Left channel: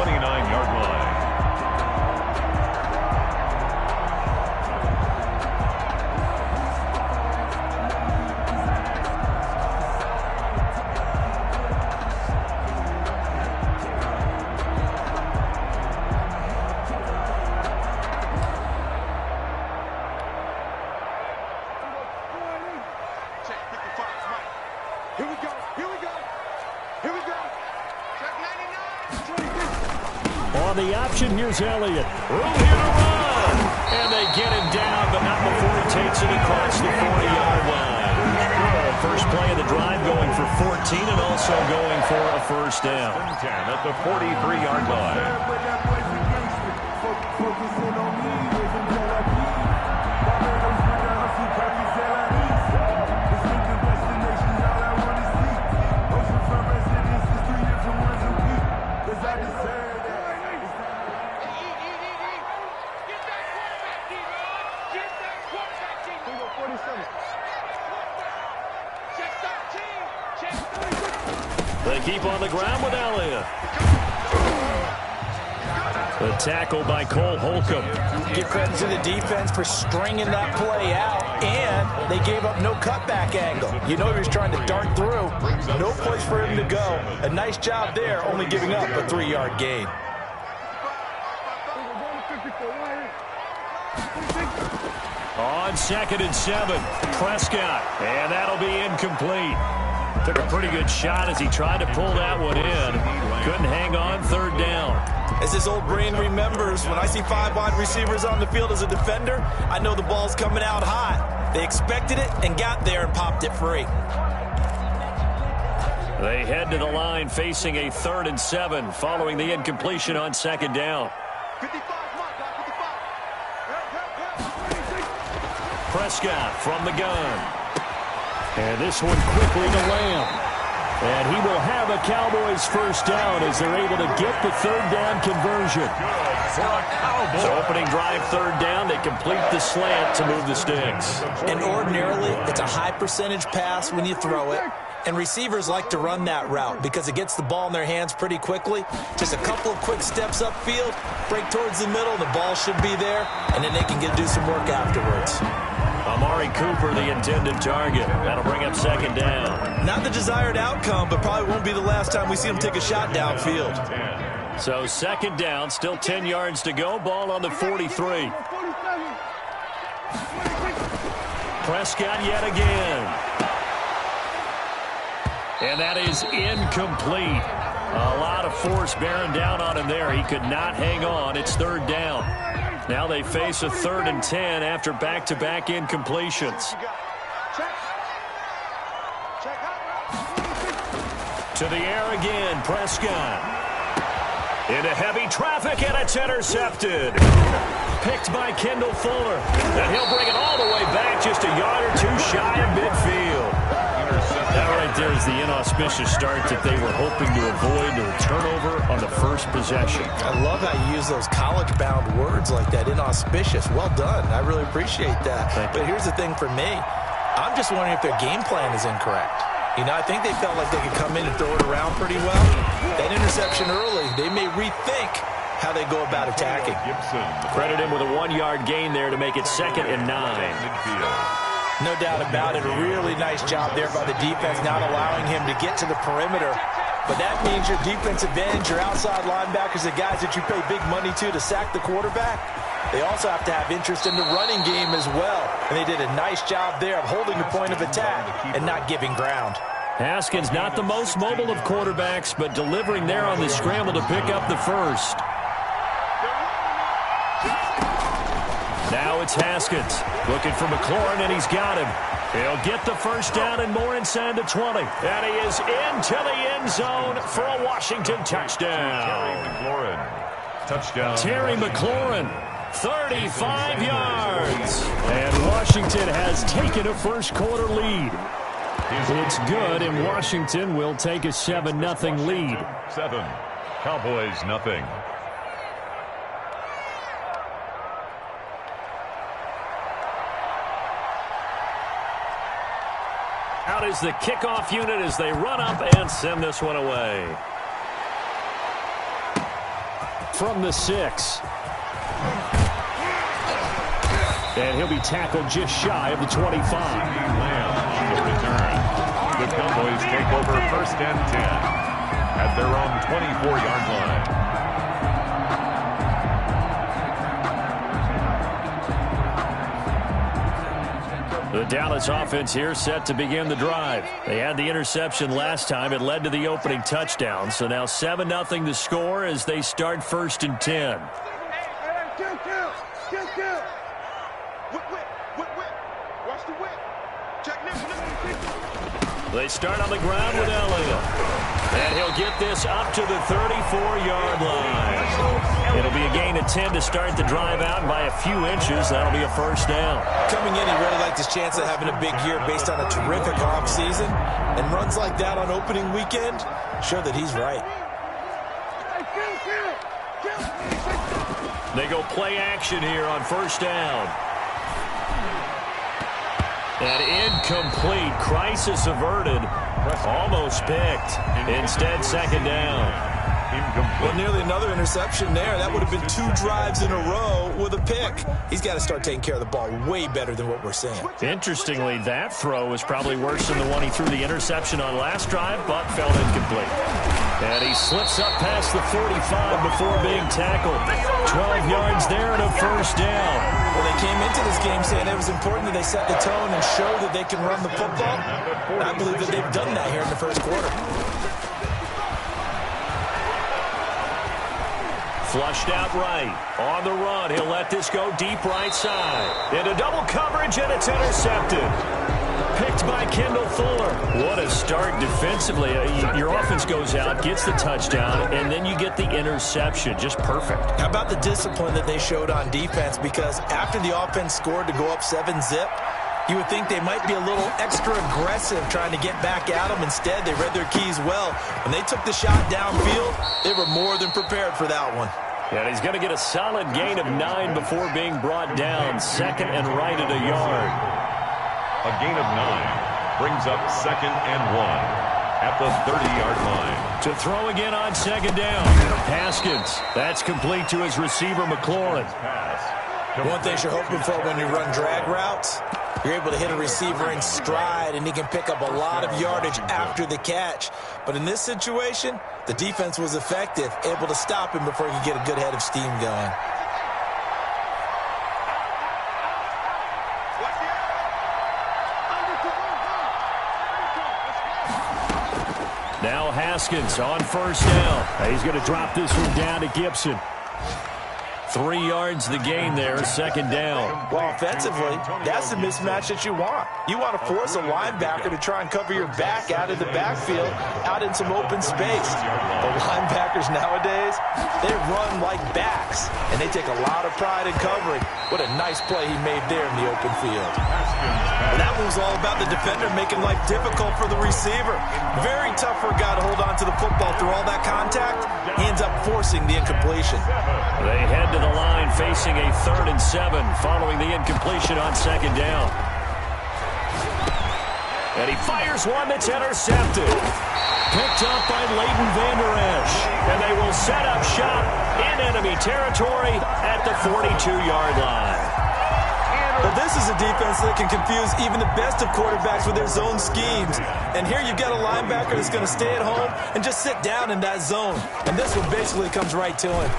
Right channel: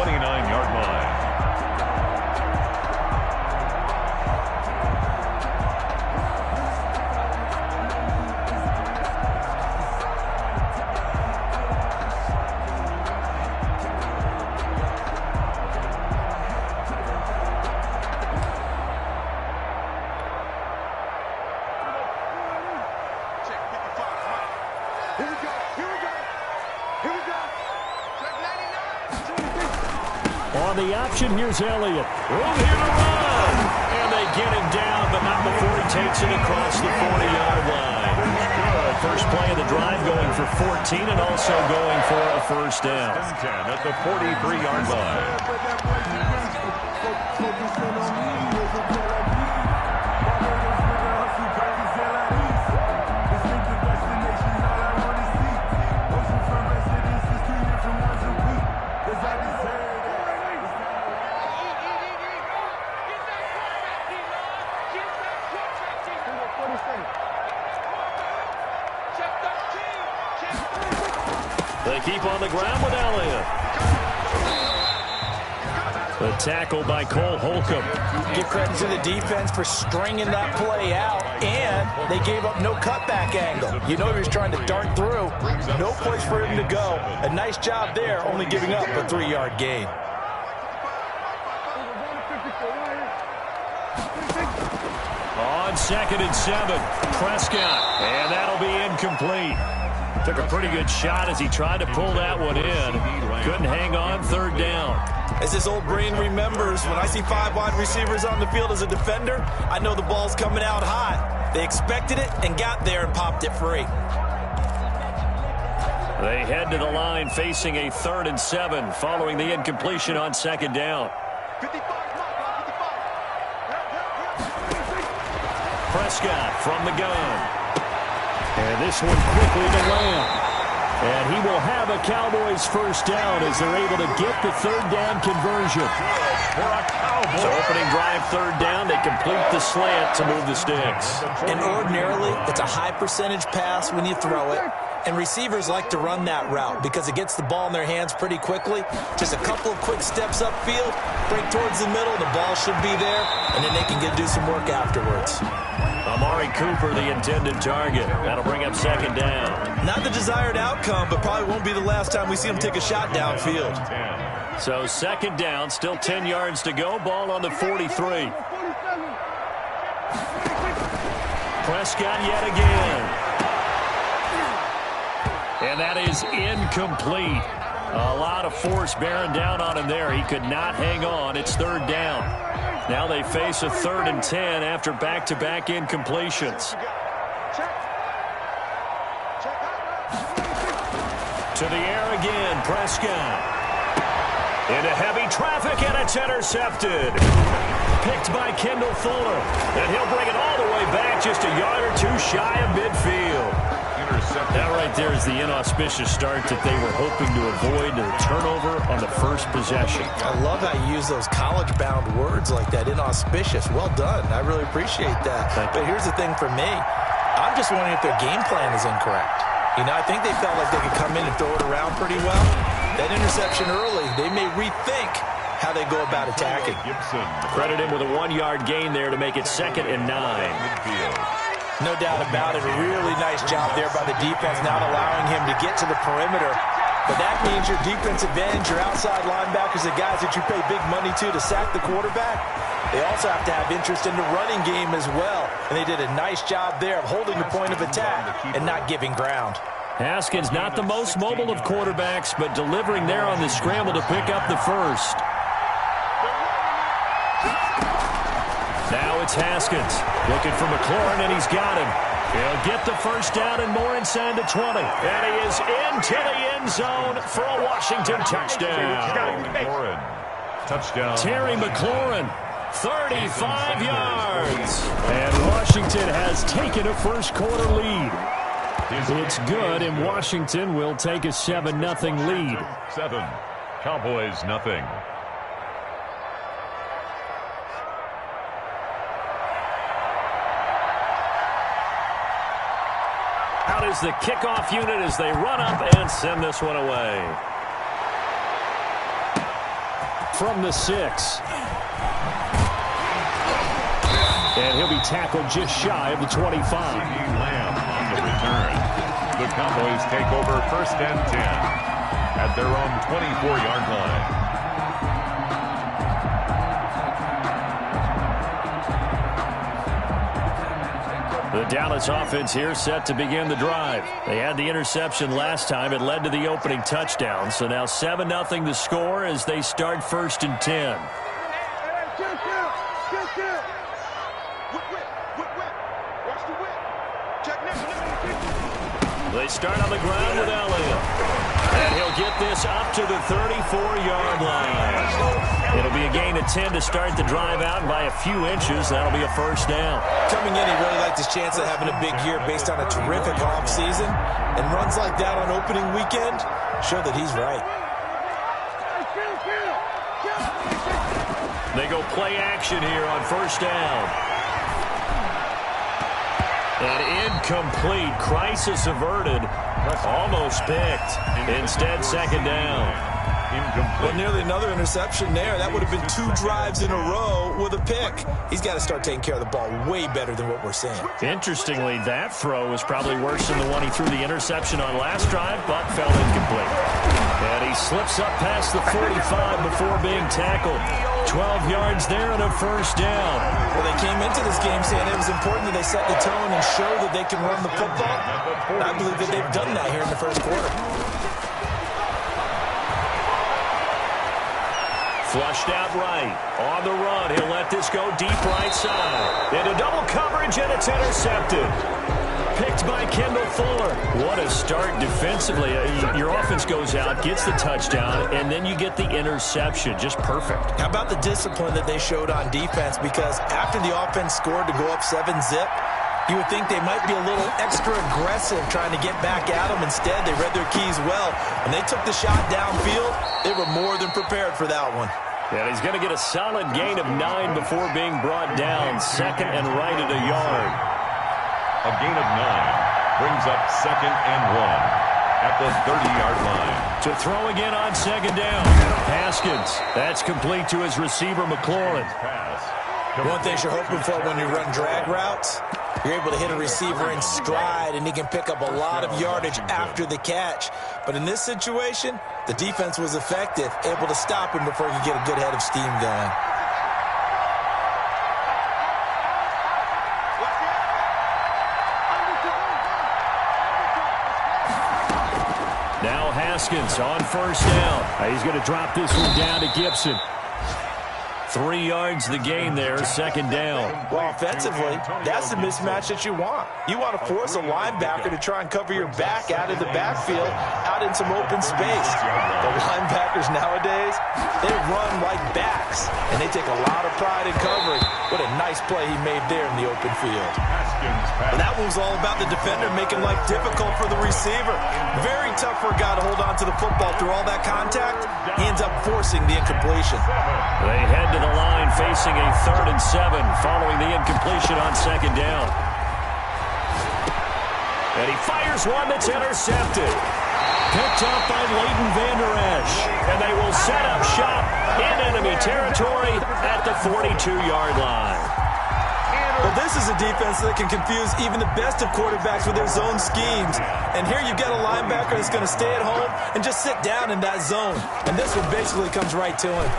29-yard line. On the option, here's Elliott. Room here to run. And they get him down, but not before he takes it across the 40-yard line. Good. First play of the drive going for 14 and also going for a first down. 10 at the 43-yard line. They keep on the ground with Elliott. The tackle by Cole Holcomb. Give credit to the defense for stringing that play out, and they gave up no cutback angle. You know he was trying to dart through. No place for him to go. A nice job there, only giving up a 3-yard gain. On 2nd and 7, Prescott, and that'll be incomplete. Took a pretty good shot as he tried to pull that one in. Couldn't hang on, 3rd down. As his old brain remembers, when I see 5 wide receivers on the field as a defender, I know the ball's coming out hot. They expected it and got there and popped it free. They head to the line facing a 3rd and 7 following the incompletion on 2nd down. Prescott from the gun. And this one quickly to Lamb. And he will have a Cowboys first down as they're able to get the 3rd down conversion. Good for a Cowboy. So opening drive 3rd down, they complete the slant to move the sticks. And ordinarily, it's a high percentage pass when you throw it. And receivers like to run that route because it gets the ball in their hands pretty quickly. Just a couple of quick steps upfield, break towards the middle, the ball should be there, and then they can do some work afterwards. Amari Cooper, the intended target. That'll bring up 2nd down. Not the desired outcome, but probably won't be the last time we see him take a shot downfield. So 2nd down, still 10 yards to go. Ball on the 43. Prescott yet again. And that is incomplete. A lot of force bearing down on him there. He could not hang on. It's 3rd down. Now they face a 3rd and 10 after back-to-back incompletions. To the air again, Prescott. Into heavy traffic, and it's intercepted. Picked by Kendall Fuller. And he'll bring it all the way back, just a yard or 2 shy of midfield. That right there is the inauspicious start that they were hoping to avoid, the turnover on the first possession. I love how you use those college-bound words like that, inauspicious. Well done. I really appreciate that. But here's the thing for me. I'm just wondering if their game plan is incorrect. You know, I think they felt like they could come in and throw it around pretty well. That interception early, they may rethink how they go about attacking. Credit him with a 1-yard gain there to make it 2nd and 9. No doubt about it. A really nice job there by the defense, not allowing him to get to the perimeter. But that means your defensive ends, your outside linebackers, the guys that you pay big money to sack the quarterback, they also have to have interest in the running game as well. And they did a nice job there of holding the point of attack and not giving ground. Haskins, not the most mobile of quarterbacks, but delivering there on the scramble to pick up the first. Now it's Haskins looking for McLaurin, and he's got him. He'll get the first down and more inside the 20. And he is into the end zone for a Washington touchdown. Terry McLaurin, 35 yards. And Washington has taken a first-quarter lead. It's good, and Washington will take a 7-0 lead. 7, Cowboys nothing. Out is the kickoff unit as they run up and send this one away. from the 6. And he'll be tackled just shy of the 25. Lamb on the return. The Cowboys take over 1st and 10 at their own 24-yard line. The Dallas offense here set to begin the drive. They had the interception last time. It led to the opening touchdown. So now 7-0 the score as they start 1st and 10. They start on the ground with Elliott. And he'll get this up to the 34-yard line. It'll be a gain of 10 to start the drive out, and by a few inches, that'll be a 1st down. Coming in, he really liked his chance of having a big year based on a terrific offseason. And runs like that on opening weekend show that he's right. They go play action here on 1st down. And incomplete. Crisis averted. Almost picked. Instead, 2nd down. Well, nearly another interception there. That would have been 2 drives in a row with a pick. He's got to start taking care of the ball way better than what we're seeing. Interestingly, that throw was probably worse than the one he threw the interception on last drive, but fell incomplete. And he slips up past the 45 before being tackled. 12 yards there and a 1st down. Well, they came into this game saying it was important that they set the tone and show that they can run the football. I believe that they've done that here in the 1st quarter. Flushed out right. On the run, he'll let this go deep right side. Into double coverage, and it's intercepted. Picked by Kendall Fuller. What a start defensively. Your offense goes out, gets the touchdown, and then you get the interception. Just perfect. How about the discipline that they showed on defense? Because after the offense scored to go up 7-zip, you would think they might be a little extra aggressive trying to get back at them. Instead, they read their keys well. When they took the shot downfield, they were more than prepared for that one. And he's going to get a solid gain of 9 before being brought down. 2nd and right at a yard. A gain of 9 brings up 2nd and 1 at the 30-yard line. To throw again on 2nd down. Haskins. That's complete to his receiver, McLaurin. One thing you're hoping for when you run drag routes, you're able to hit a receiver in stride, and he can pick up a lot of yardage after the catch. But in this situation, the defense was effective, able to stop him before he could get a good head of steam going. Now Haskins on 1st down. He's going to drop this one down to Gibson. 3 yards the gain there, 2nd down. Well, offensively, that's the mismatch that you want. You want to force a linebacker to try and cover your back out of the backfield, out in some open space. The linebackers nowadays, they run like backs, and they take a lot of pride in covering. What a nice play he made there in the open field. But that one was all about the defender making life difficult for the receiver. Very tough for a guy to hold on to the football through all that contact. He ends up forcing the incompletion. They head to the line facing a 3rd and 7 following the incompletion on 2nd down. And he fires one that's intercepted. Picked up by Leighton Vander Esch. And they will set up shop in enemy territory at the 42-yard line. Well, this is a defense that can confuse even the best of quarterbacks with their zone schemes. And here you've got a linebacker that's going to stay at home and just sit down in that zone. And this one basically comes right to him.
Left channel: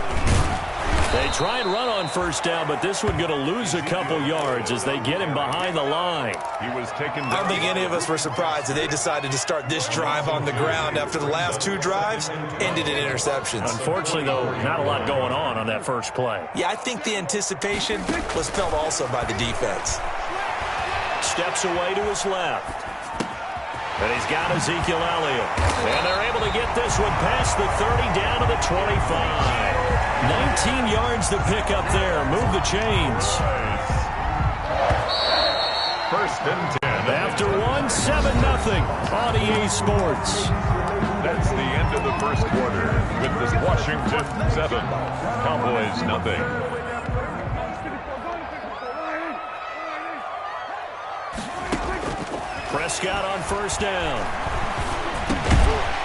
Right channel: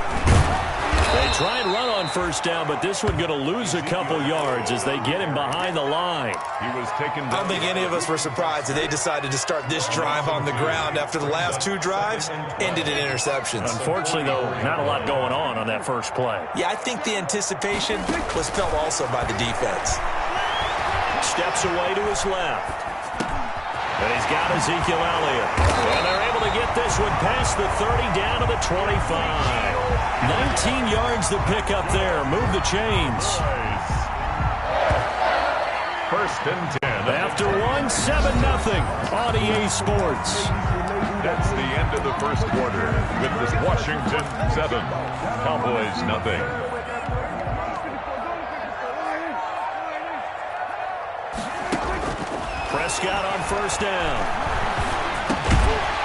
They try and run on 1st down, but this one going to lose a couple yards as they get him behind the line. He was taken. I don't think any of us were surprised that they decided to start this drive on the ground after the last 2 drives ended in interceptions. Unfortunately, though, not a lot going on that first play. Yeah, I think the anticipation was felt also by the defense. Steps away to his left. And he's got Ezekiel Elliott. And they're able to get this one past the 30 down to the 25. 19 yards to pick up there. Move the chains. 1st and 10. After 7-0 on EA Sports. That's the end of the 1st quarter with this Washington 7, Cowboys nothing. Prescott on 1st down.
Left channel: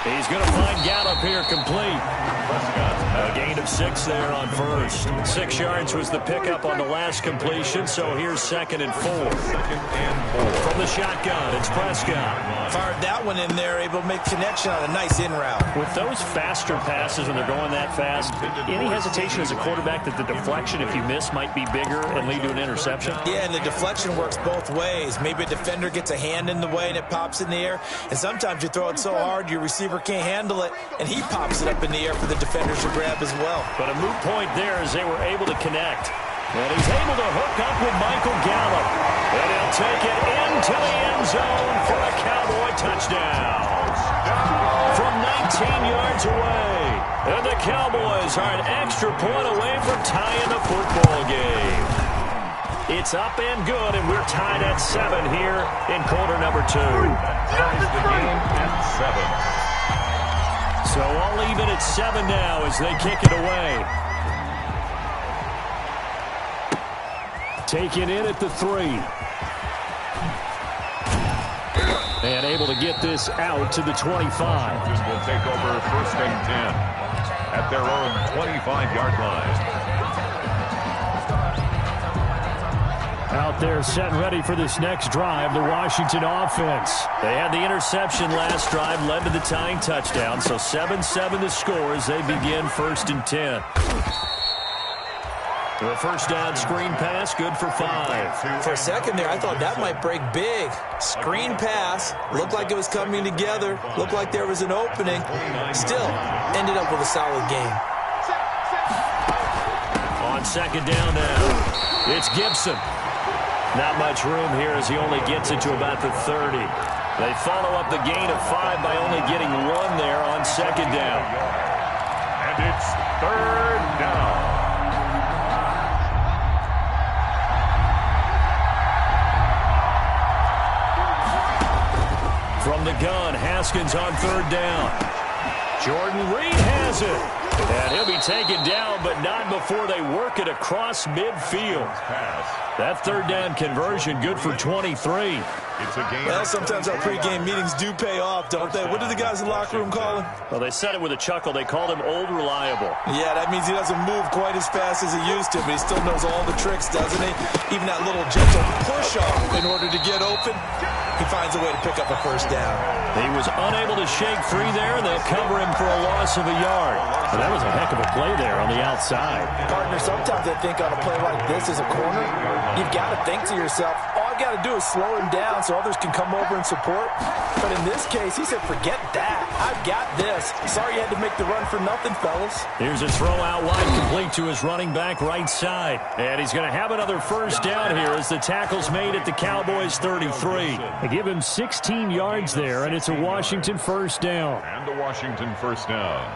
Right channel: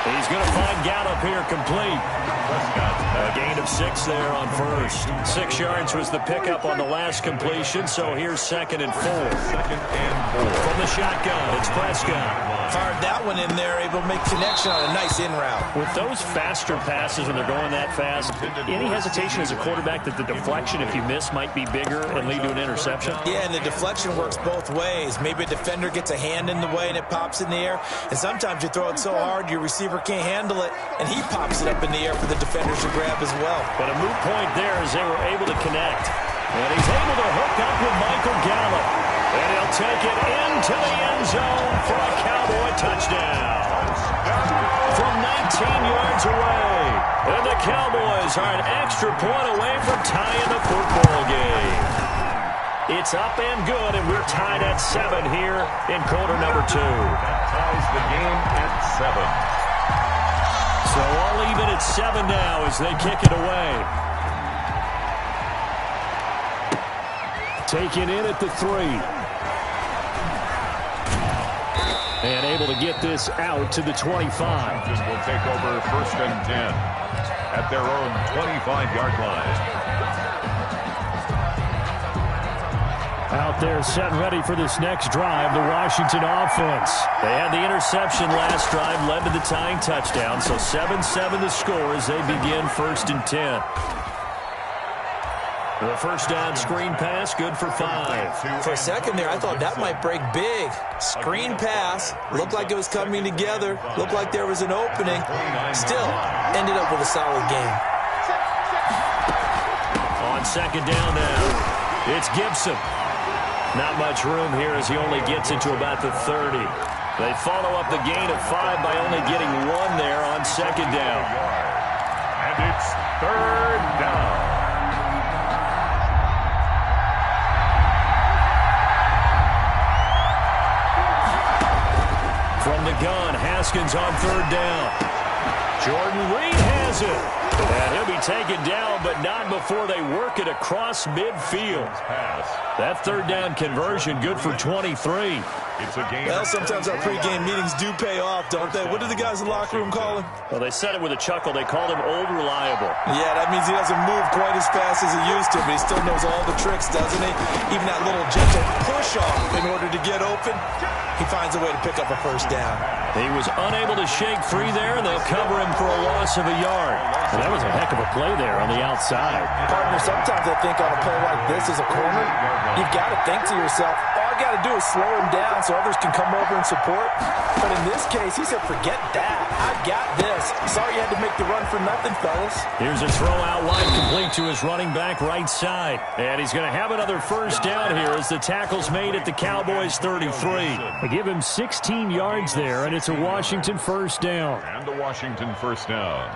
He's going to find Gallup here complete. A gain of 6 there on first. 6 yards was the pickup on the last completion, so here's 2nd and 4. 2nd and 4. From the shotgun, it's Prescott. Fired that one in there, able to make connection on a nice in route. With those faster passes when they're going that fast, any hesitation as a quarterback that the deflection, if you miss, might be bigger and lead to an interception? Yeah, and the deflection works both ways. Maybe a defender gets a hand in the way and it pops in the air, and sometimes you throw it so hard your receiver can't handle it, and he pops it up in the air for the defenders to grab as well. But a moot point there as they were able to connect. And he's able to hook up with Michael Gallup. And he'll take it into the end zone for a Cowboy touchdown. From 19 yards away. And the Cowboys are an extra point away from tying the football game. It's up and good, and we're tied at 7 here in quarter number 2. That ties the game at 7. So all even at 7 now as they kick it away. Taken in at the 3. And able to get this out to the 25. Washington will take over 1st and 10 at their own 25-yard line. Out there set and ready for this next drive, the Washington offense. They had the interception last drive, led to the tying touchdown, so 7-7 the score as they begin 1st and 10. The first down screen pass, good for 5. For a second there, I thought that might break big. Screen pass, looked like it was coming together, looked like there was an opening. Still, ended up with a solid game. On 2nd down now, it's Gibson. Not much room here as he only gets it to about the 30. They follow up the gain of 5 by only getting 1 there on 2nd down. And it's 3rd down. From the gun, Haskins on 3rd down. Jordan Reed has it. And he'll be taken down, but not before they work it across midfield. That 3rd down conversion, good for 23. It's a game. Well, sometimes our pregame meetings do pay off, don't they? What do the guys in the locker room call him? Well, they said it with a chuckle. They called him Old Reliable. Yeah, that means he doesn't move quite as fast as he used to, but he still knows all the tricks, doesn't he? Even that little gentle push-off in order to get open. He finds a way to pick up a 1st down. He was unable to shake free there, and they'll cover him for a loss of a yard. And that was a heck of a play there on the outside. Partner, sometimes I think on a play like this as a corner, you've got to think to yourself, all I got to do is slow him down so others can come over and support. But in this case, he said, forget that. I've got this. Sorry you had to make the run for nothing, fellas. Here's a throw out wide, complete to his running back right side. And he's going to have another 1st down here as the tackle's made at the Cowboys' 33. They give him 16 yards there, and it's a Washington 1st down. And a Washington 1st down.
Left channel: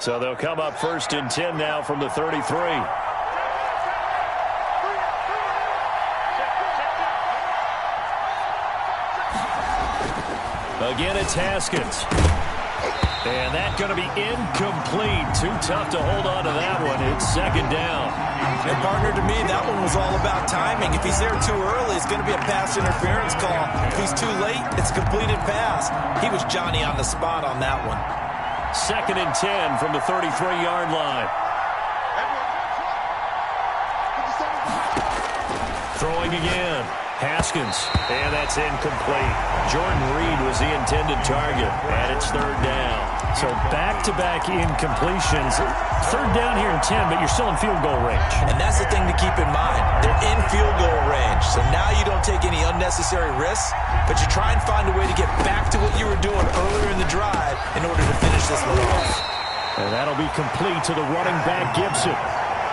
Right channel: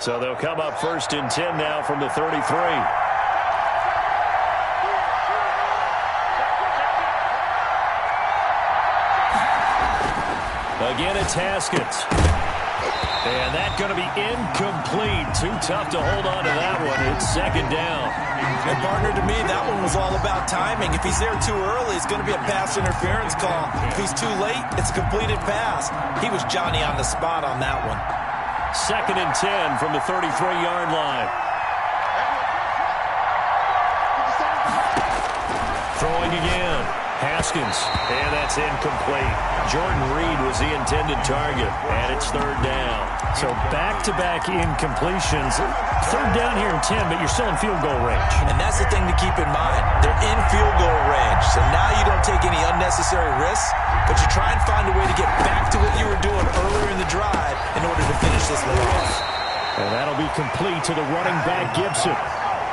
So they'll come up 1st and 10 now from the 33. Again, it's Haskins. And that's going to be incomplete. Too tough to hold on to that one. It's 2nd down. And partner, to me, that one was all about timing. If he's there too early, it's going to be a pass interference call. If he's too late, it's a completed pass. He was Johnny on the spot on that one. 2nd and 10 from the 33-yard line. Throwing again. Haskins. And that's incomplete. Jordan Reed was the intended target. And it's 3rd down. So back-to-back incompletions. 3rd down here in 10, but you're still in field goal range. And that's the thing to keep in mind. They're in field goal range. So now you don't take any unnecessary risks, but you try and find a way to get back to what you were doing earlier in the drive in order to finish this one off. And that'll be complete to the running back, Gibson.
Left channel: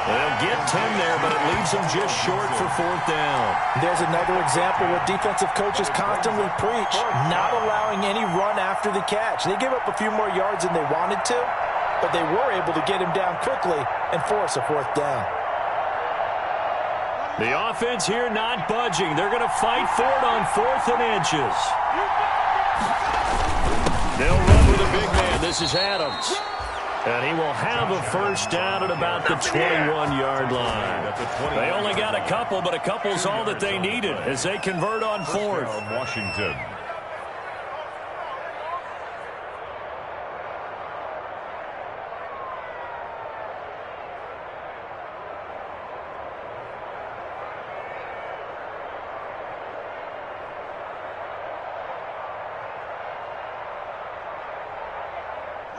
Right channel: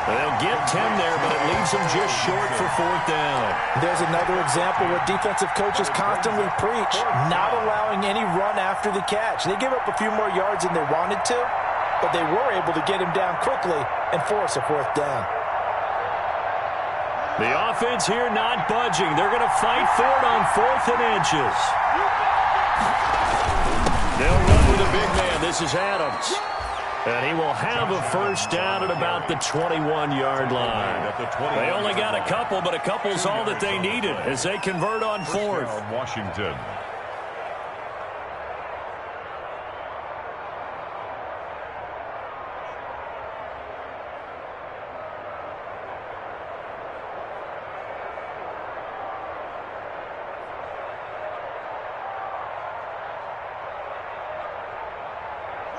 They'll get 10 there, but it leaves them just short for 4th down. There's another example what defensive coaches constantly preach, not allowing any run after the catch. They gave up a few more yards than they wanted to, but they were able to get him down quickly and force a 4th down. The offense here not budging. They're going to fight for it on 4th and inches. They'll run with a big man. This is Adams. And he will have a first down at about the 21-yard line. They only got a couple, but a couple's all that they needed as they convert on fourth. Washington.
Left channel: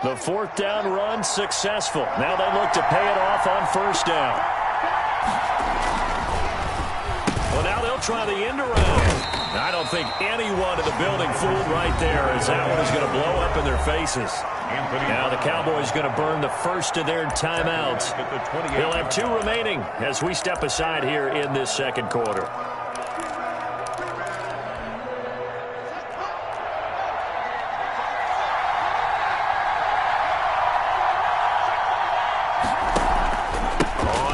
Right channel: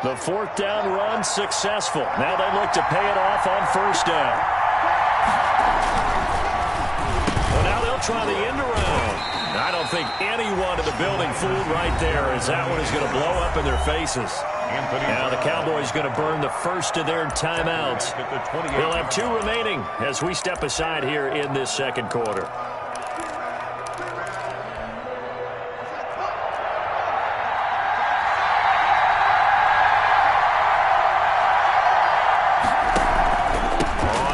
The fourth down run successful. Now they look to pay it off on first down. Well, now they'll try the end around. I don't think anyone in the building fooled right there, as that one is going to blow up in their faces. Now the Cowboys going to burn the first of their timeouts. He'll have 2 remaining as we step aside here in this second quarter.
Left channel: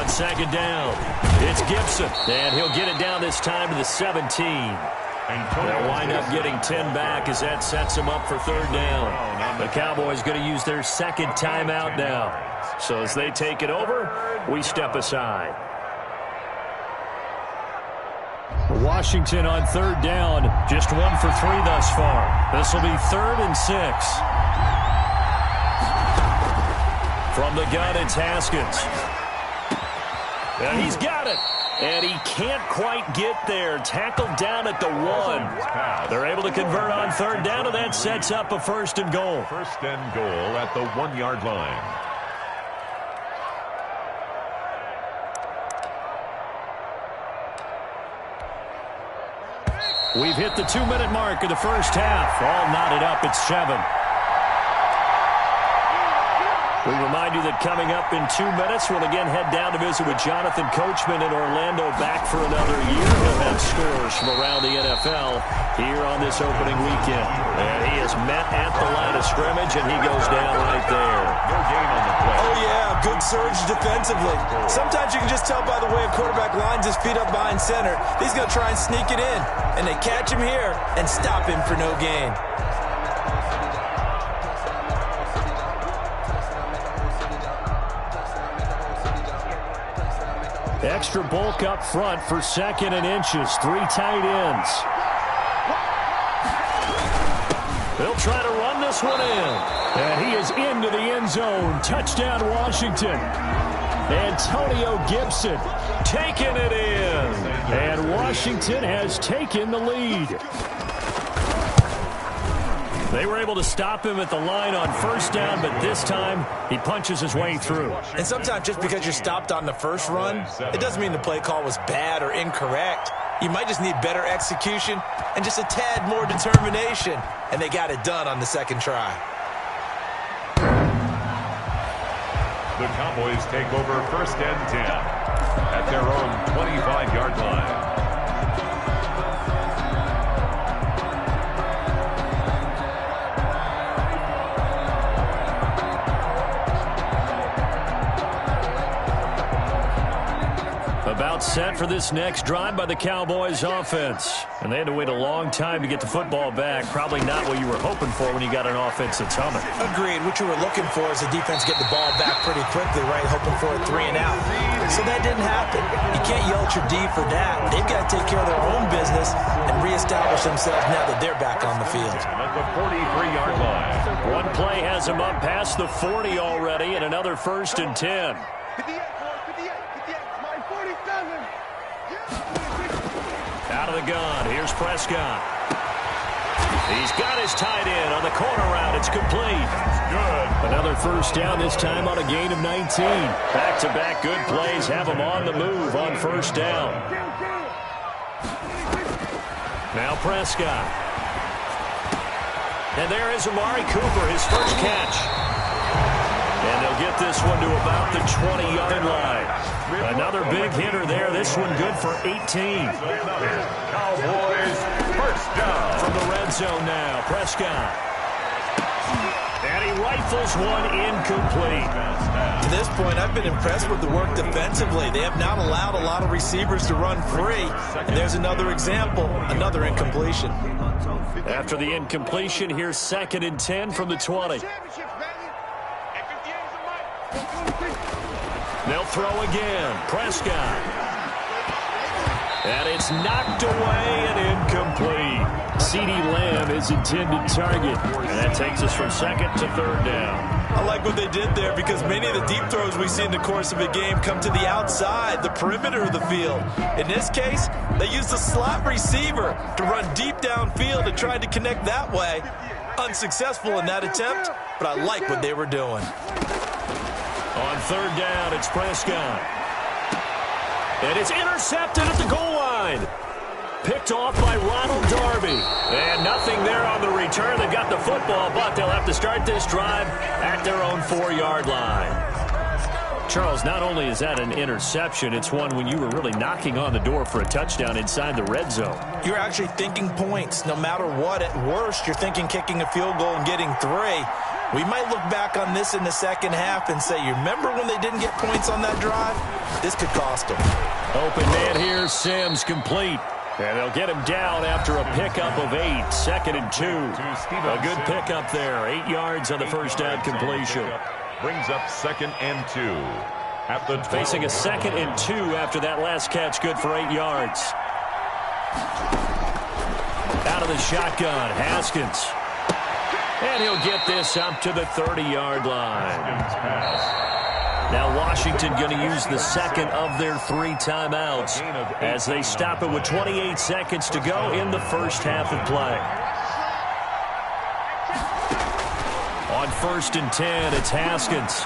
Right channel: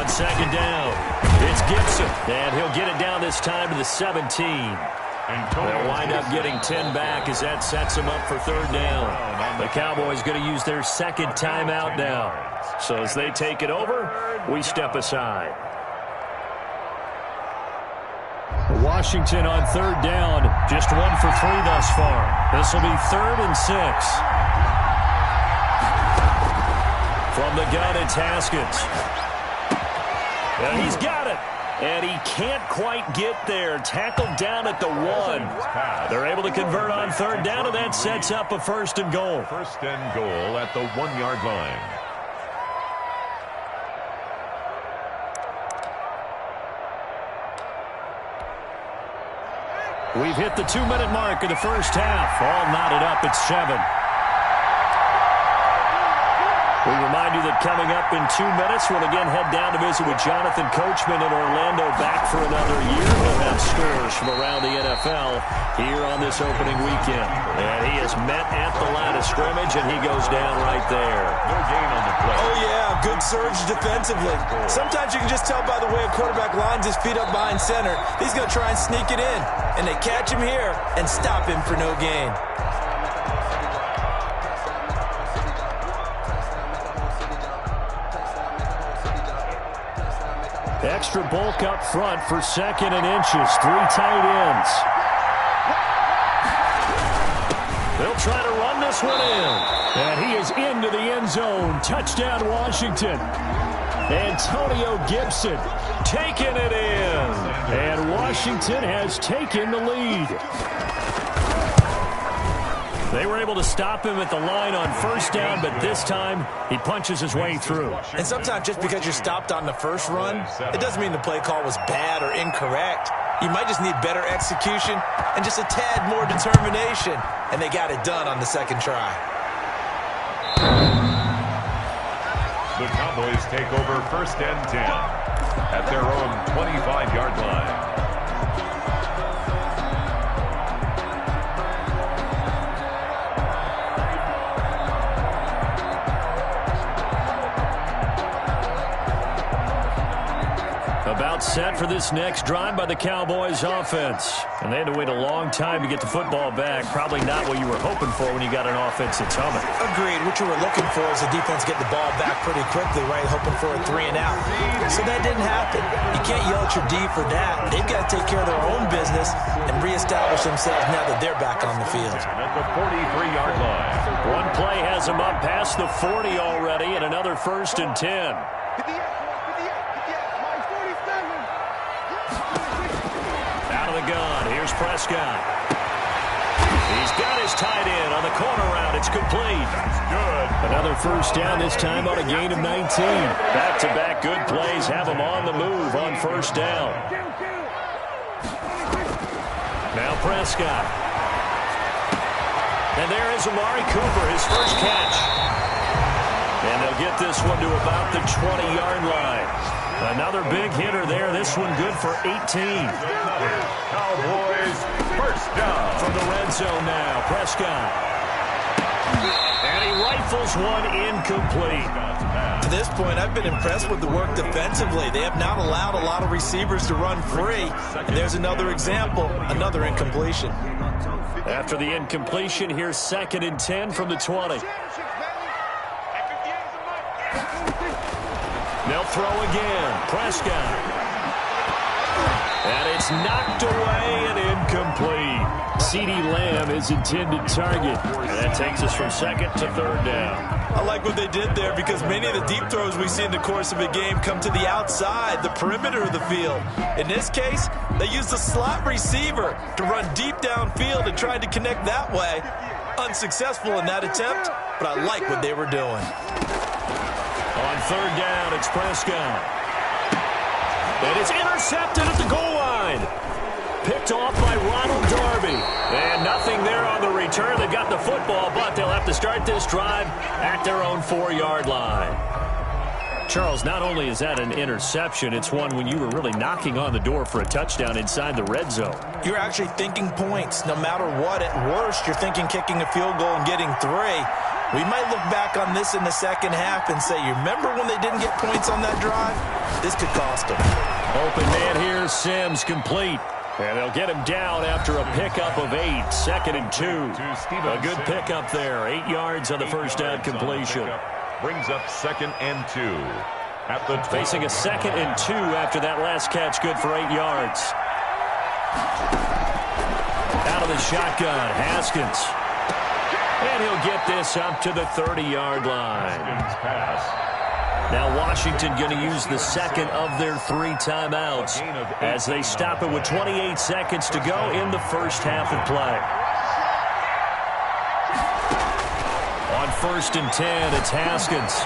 Second down. It's Gibson, and he'll get it down this time to the 17. They'll wind up getting 10 back as that sets them up for third down. The Cowboys going to use their second timeout now. So as they take it over, we step aside. Washington on third down, just 1 for 3 thus far. This will be 3rd and 6. From the gun, it's Haskins. And he's got it. And he can't quite get there. Tackled down at the 1. They're able to convert on third down, and that sets up a 1st and goal. 1st and goal at the 1-yard line. We've hit the 2-minute mark of the first half. All knotted up at 7. We remind you that coming up in 2 minutes, we'll again head down to visit with Jonathan Coachman in Orlando, back for another year. He'll have scores from around the NFL here on this opening weekend. And he is met at the line of scrimmage, and he goes down right there. No gain on the play. Oh, yeah, good surge defensively. Sometimes you can just tell by the way a quarterback lines his feet up behind center. He's going to try and sneak it in, and they catch him here and stop him for no gain. Extra bulk up front for 2nd and inches. 3 tight ends. They'll try to run this one in. And he is into the end zone. Touchdown, Washington. Antonio Gibson taking it in. And Washington has taken the lead. They were able to stop him at the line on first down, but this time he punches his way through. And sometimes just because you're stopped on the first run, it doesn't mean the play call was bad or incorrect. You might just need better execution and just a tad more determination, and they got it done on the second try. The Cowboys take over 1st and 10 at their own 25-yard line. About set for this next drive by the Cowboys offense. And they had to wait a long time to get the football back. Probably not what you were hoping for when you got an offense that's humming. Agreed. What you were looking for is the defense getting the ball back pretty quickly, right? Hoping for a 3 and out. So that didn't happen. You can't yell at your D for that. They've got to take care of their own business and reestablish themselves now that they're back on the field. And at the 43-yard line. One play has them up past the 40 already, and another 1st and 10. Out of the gun, here's Prescott. He's got his tight end on the corner route. It's complete. That's good. Another first down, this time on a gain of 19. Back-to-back good plays have him on the move on first down. Now Prescott. And there is Amari Cooper, his first catch. And they'll get this one to about the 20-yard line. Another big hitter there. This one good for 18. Cowboys first down. From the red zone now, Prescott. And he rifles one incomplete. To this point, I've been impressed with the work defensively. They have not allowed a lot of receivers to run free. And there's another example, another incompletion. After the incompletion, here's 2nd and 10 from the 20. They'll throw again. Prescott. And it's knocked away and incomplete. CeeDee Lamb is intended target. And that takes us from second to third down. I like what they did there because many of the deep throws we see in the course of a game come to the outside, the perimeter of the field. In this case, they used a slot receiver to run deep downfield and tried to connect that way. Unsuccessful in that attempt, but I like what they were doing. On third down, it's Prescott. And it's intercepted at the goal line. Picked off by Ronald Darby. And nothing there on the return. They got the football, but they'll have to start this drive at their own 4-yard line. Charles, not only is that an interception, it's one when you were really knocking on the door for a touchdown inside the red zone. You're actually thinking points. No matter what, at worst, you're thinking kicking a field goal and getting 3. We might look back on this in the second half and say, you remember when they didn't get points on that drive? This could cost them. Open man here, Sims complete. And they'll get him down after a pickup of 8, 2nd and 2. A good pickup there, 8 yards on the first down completion. Brings up 2nd and 2. At the facing a 2nd and 2 after that last catch, good for 8 yards. Out of the shotgun, Haskins. And he'll get this up to the 30-yard line. Haskins pass. Now Washington going to use the second of their 3 timeouts as they stop it with 28 seconds to go in the first half of play. On 1st and 10, it's Haskins.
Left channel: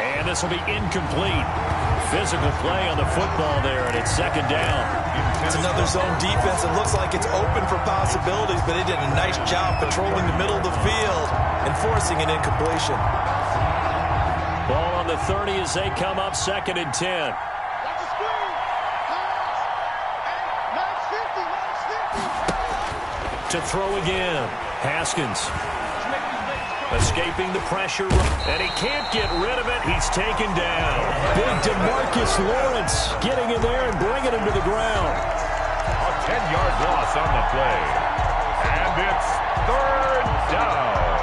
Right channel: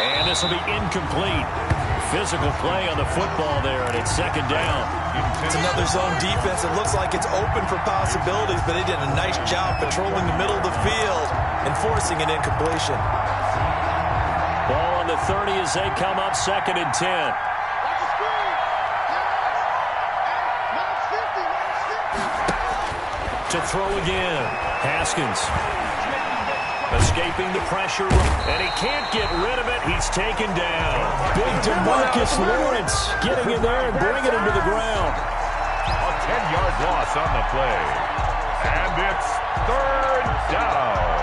And this will be incomplete. Physical play on the football there, and it's 2nd down. It's another zone defense. It looks like it's open for possibilities, but they did a nice job patrolling the middle of the field and forcing an incompletion. Ball on the 30 as they come up 2nd and 10. To throw again, Haskins. Escaping the pressure, and he can't get rid of it. He's taken down. Big DeMarcus Lawrence getting in there and bringing him to the ground. A 10-yard loss on the play. And it's 3rd down.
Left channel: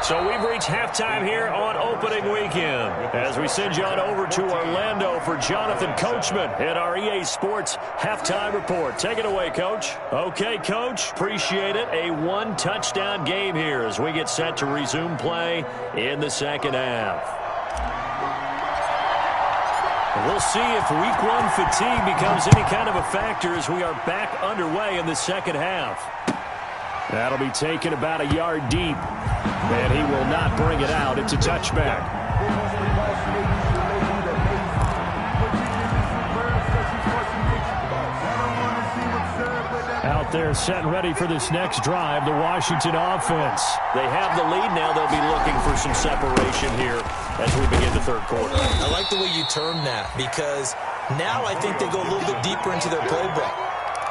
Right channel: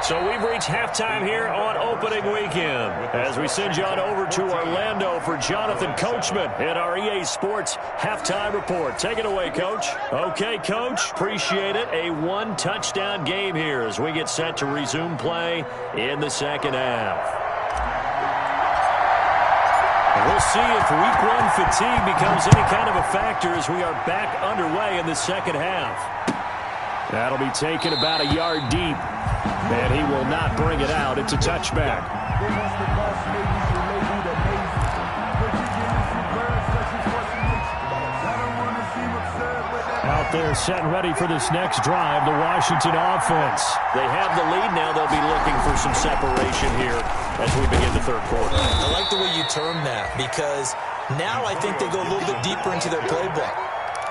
So we've reached halftime here on opening weekend as we send you on over to Orlando for Jonathan Coachman in our EA Sports Halftime Report. Take it away, Coach. Okay, Coach, appreciate it. A 1-touchdown game here as we get set to resume play in the second half. We'll see if week 1 fatigue becomes any kind of a factor as we are back underway in the second half. That'll be taken about a yard deep. And he will not bring it out. It's a touchback. Out there set and ready for this next drive, the Washington offense. They have the lead now. They'll be looking for some separation here as we begin the third quarter. I like the way you term that because now I think they go a little bit deeper into their playbook.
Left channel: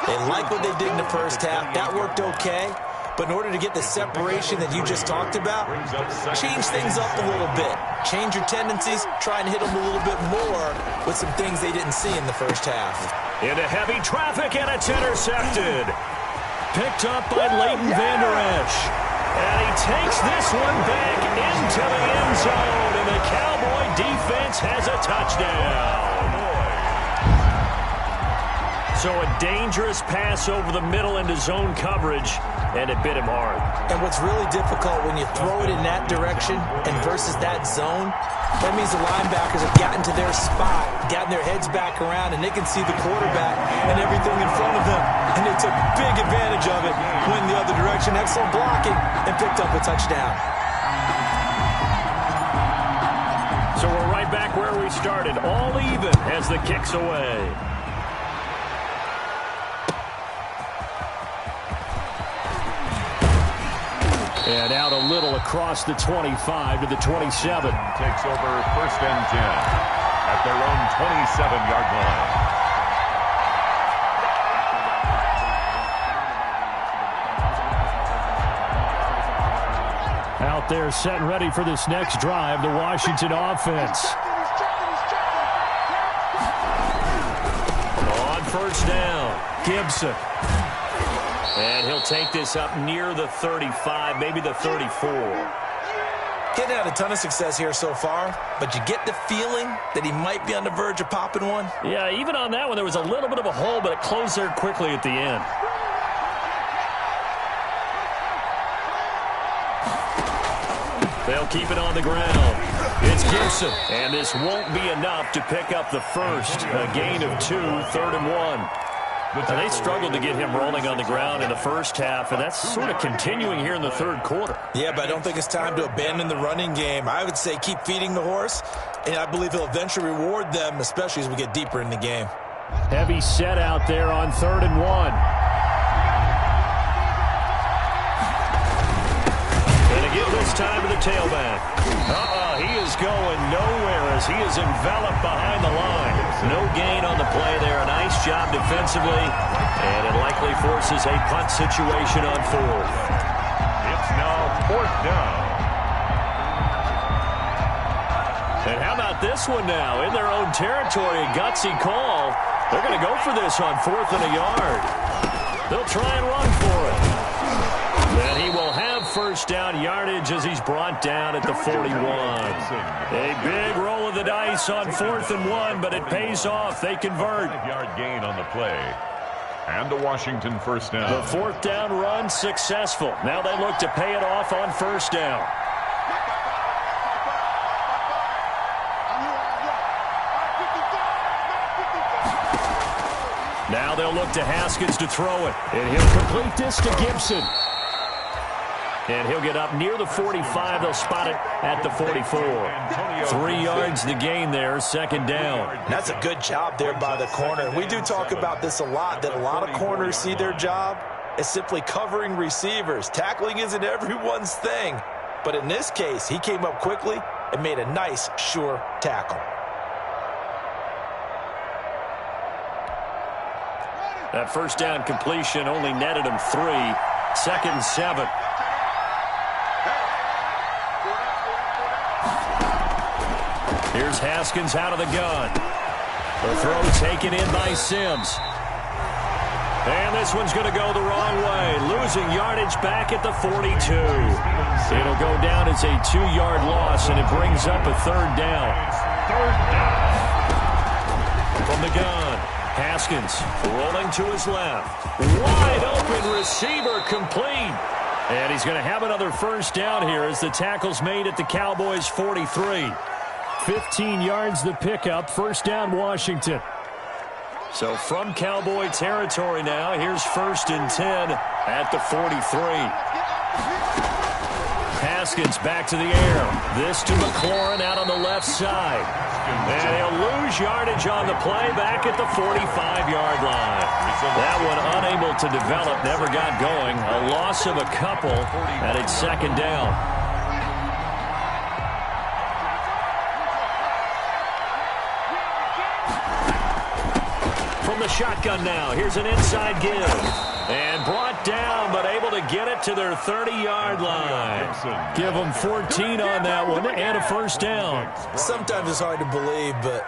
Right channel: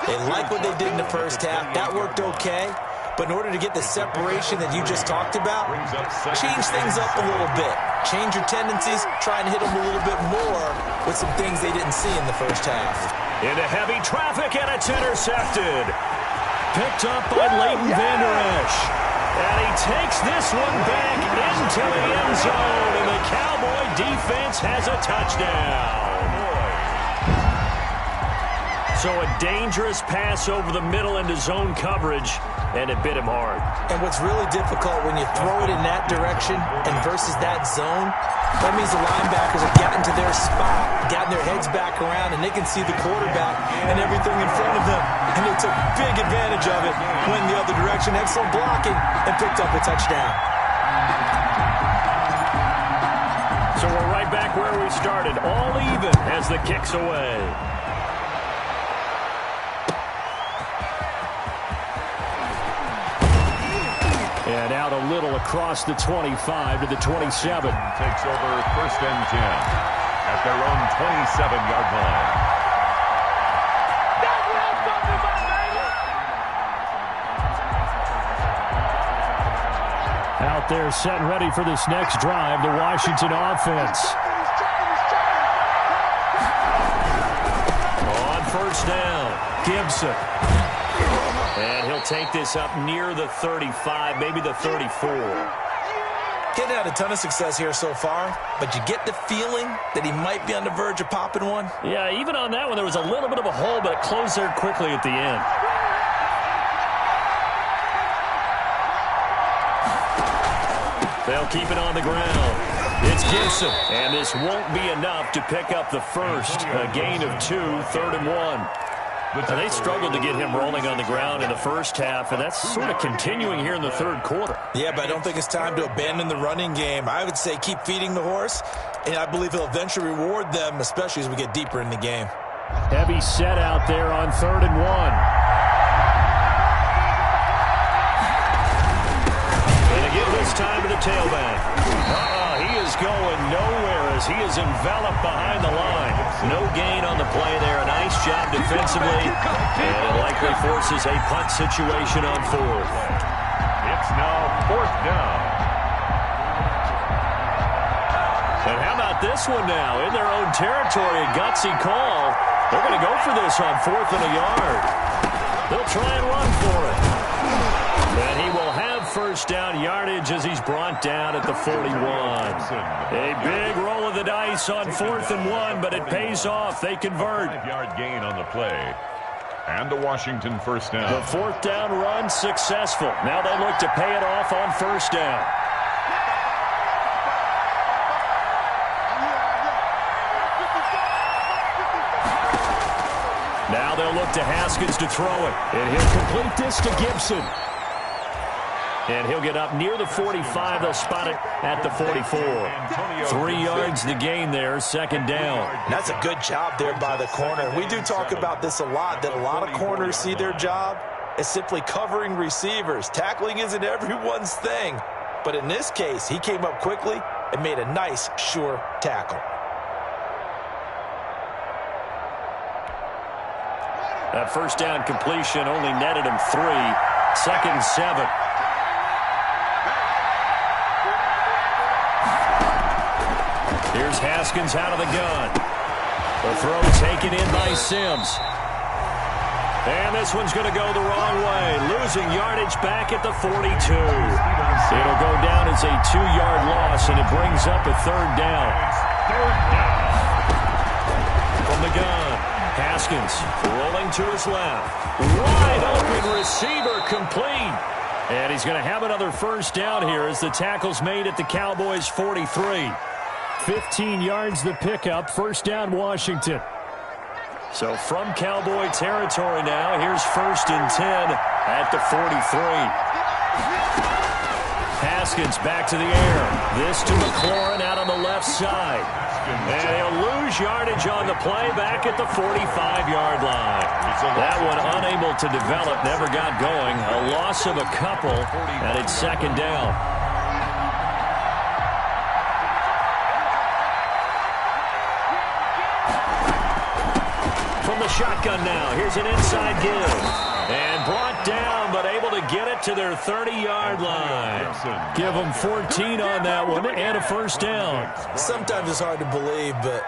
They like what they did in the first half. That worked okay. But in order to get the separation that you just talked about, change things up a little bit. Change your tendencies, try and hit them a little bit more with some things they didn't see in the first half. Into heavy traffic, and it's intercepted. Picked up by Leighton Vander Esch. And he takes this one back into the end zone, and the Cowboy defense has a touchdown. So a dangerous pass over the middle into zone coverage, and it bit him hard. And what's really difficult when you throw it in that direction and versus that zone, that means the linebackers have gotten to their spot, gotten their heads back around, and they can see the quarterback and everything in front of them. And they took big advantage of it, went the other direction, excellent blocking, and picked up a touchdown. So we're right back where we started, all even as the kick's away. And out a little across the 25 to the 27. Takes over 1st and 10 at their own 27-yard line. Out there set and ready for this next drive, the Washington offense. On 1st down, Gibson. And he'll take this up near the 35, maybe the 34. He's had a ton of success here so far, but you get the feeling that he might be on the verge of popping one. Yeah, even on that one, there was a little bit of a hole, but it closed there quickly at the end. They'll keep it on the ground. It's Gibson, and this won't be enough to pick up the first. A gain of 2, 3rd and 1. And they struggled to get him rolling on the ground in the first half, and that's sort of continuing here in the third quarter. Yeah, but I don't think it's time to abandon the running game. I would say keep feeding the horse, and I believe he'll eventually reward them, especially as we get deeper in the game. Heavy set out there on 3rd and 1. And again this time to the tailback. He is going nowhere as he is enveloped behind the line. No gain on the play there. A nice job defensively. And it likely forces a punt situation on 4th. It's now 4th down. And how about this one now? In their own territory, a gutsy call. They're going to go for this on 4th and a yard. They'll try and run for it. And he will have first down yardage as he's brought down at the 41. A big roll of the dice on 4th and 1, but it pays off. They convert. 5-yard gain on the play. And a Washington first down. The 4th down run successful. Now they look to pay it off on first down. Now they'll look to Haskins to throw it. And he'll complete this to Gibson. And he'll get up near the 45. They'll spot it at the 44. 3 yards the gain there, 2nd down. And that's a good job there by the corner. We do talk about this a lot, that a lot of corners see their job as simply covering receivers. Tackling isn't everyone's thing. But in this case, he came up quickly and made a nice, sure tackle. That first down completion only netted him 3. 2nd and 7. Here's Haskins out of the gun. The throw taken in by Sims. And this one's going to go the wrong way. Losing yardage back at the 42. It'll go down as a 2-yard loss, and it brings up a 3rd down. Third down. From the gun, Haskins rolling to his left. Wide open receiver complete. And he's going to have another first down here as the tackle's made at the Cowboys' 43. 15 yards the pickup. First down, Washington. So from Cowboy territory now, here's 1st and 10 at the 43. Haskins back to the air. This to McLaurin out on the left side. And he'll lose yardage on the play back at the 45-yard line. That one unable to develop, never got going. A loss of a couple, and it's 2nd down. From the shotgun now, here's an inside give. And brought down, but able to get it to their 30-yard line. Give them 14 on that one, and a first down. Sometimes it's hard to believe, but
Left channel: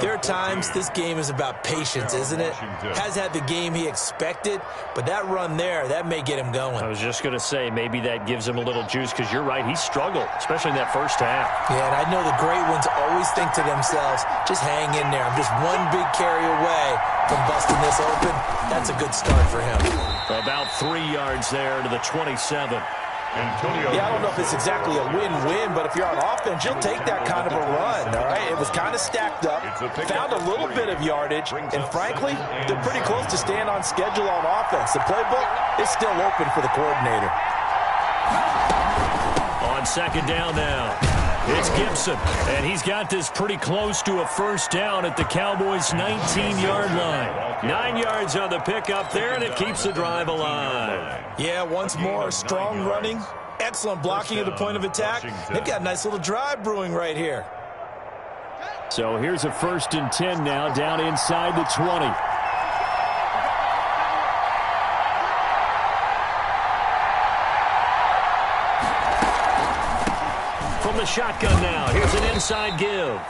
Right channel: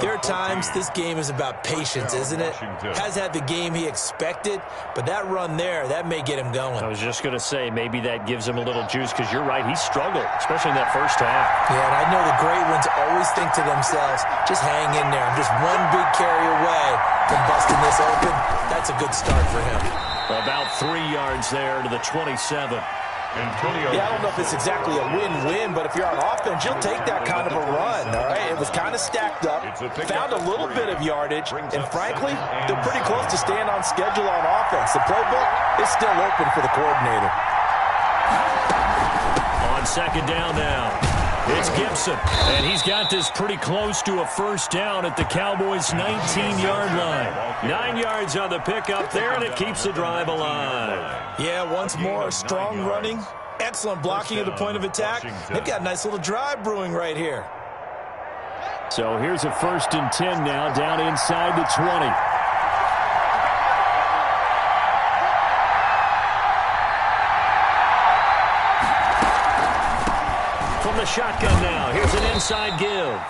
there are times this game is about patience, isn't it? Has had the game he expected, but that run there, that may get him going. I was just going to say, maybe that gives him a little juice, because you're right, he struggled, especially in that first half. Yeah, and I know the great ones always think to themselves, just hang in there. I'm just one big carry away from busting this open. That's a good start for him. About 3 yards there to the 27. Yeah, I don't know if it's exactly a win-win, but if you're on offense, you'll take that kind of a run, all right? It was kind of stacked up, found a little bit of yardage, and frankly, they're pretty close to staying on schedule on offense. The playbook is still open for the coordinator. On 2nd down now, it's Gibson, and he's got this pretty close to a first down at the Cowboys' 19-yard line. 9 yards on the pickup there, and it keeps the drive alive. Yeah, once more, strong running, excellent blocking at the point of attack. They've got a nice little drive brewing right here. So here's a 1st and 10 now, down inside the 20. From the shotgun now, here's an inside give.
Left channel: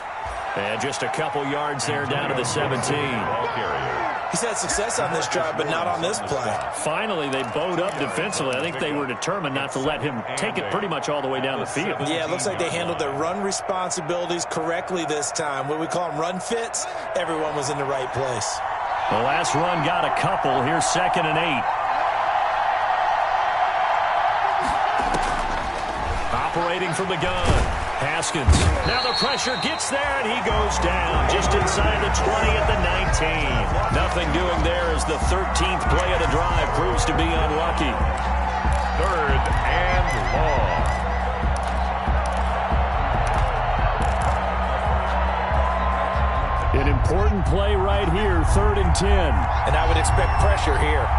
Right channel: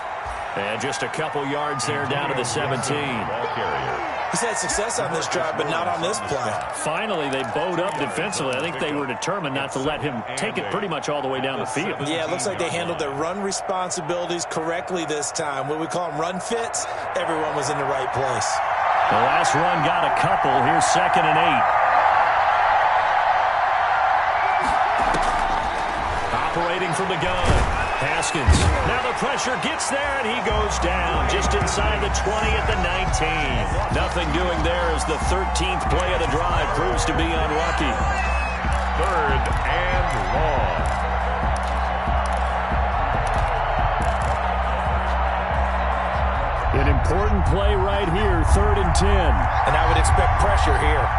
And just a couple yards there down to the 17. Ball carrier. He's had success on this drive, but not on this play. Finally, they bowed up defensively. I think they were determined not to let him take it pretty much all the way down the field. Yeah, it looks like they handled their run responsibilities correctly this time. What we call them run fits, everyone was in the right place. The last run got a couple. Here's 2nd and 8. Operating from the gun. Haskins. Now the pressure gets there, and he goes down just inside the 20 at the 19. Nothing doing there as the 13th play of the drive proves to be unlucky. 3rd and long. An important play right here, 3rd and 10. And I would expect pressure here.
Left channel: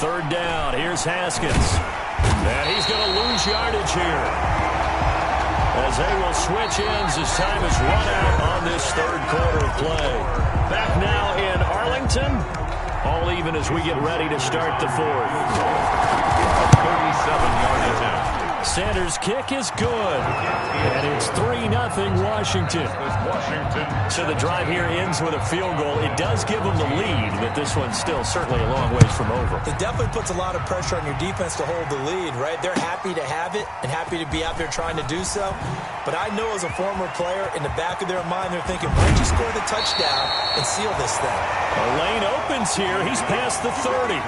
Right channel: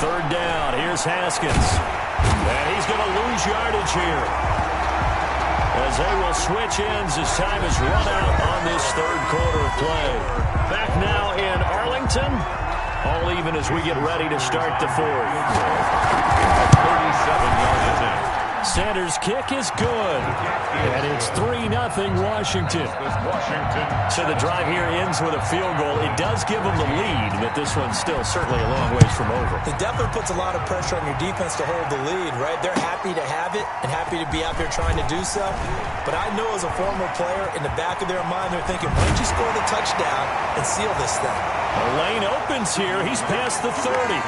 Third down, here's Haskins. And he's going to lose yardage here, as they will switch ends as time is run out on this 3rd quarter of play. Back now in Arlington. All even as we get ready to start the 4th. A 37-yard attempt. Sanders' kick is good. And it's 3-0 Washington. So the drive here ends with a field goal. It does give them the lead, but this one's still certainly a long ways from over. It definitely puts a lot of pressure on your defense to hold the lead, right? They're happy to have it and happy to be out there trying to do so. But I know as a former player, in the back of their mind, they're thinking, why don't you score the touchdown and seal this thing? The lane opens here. He's past the 30.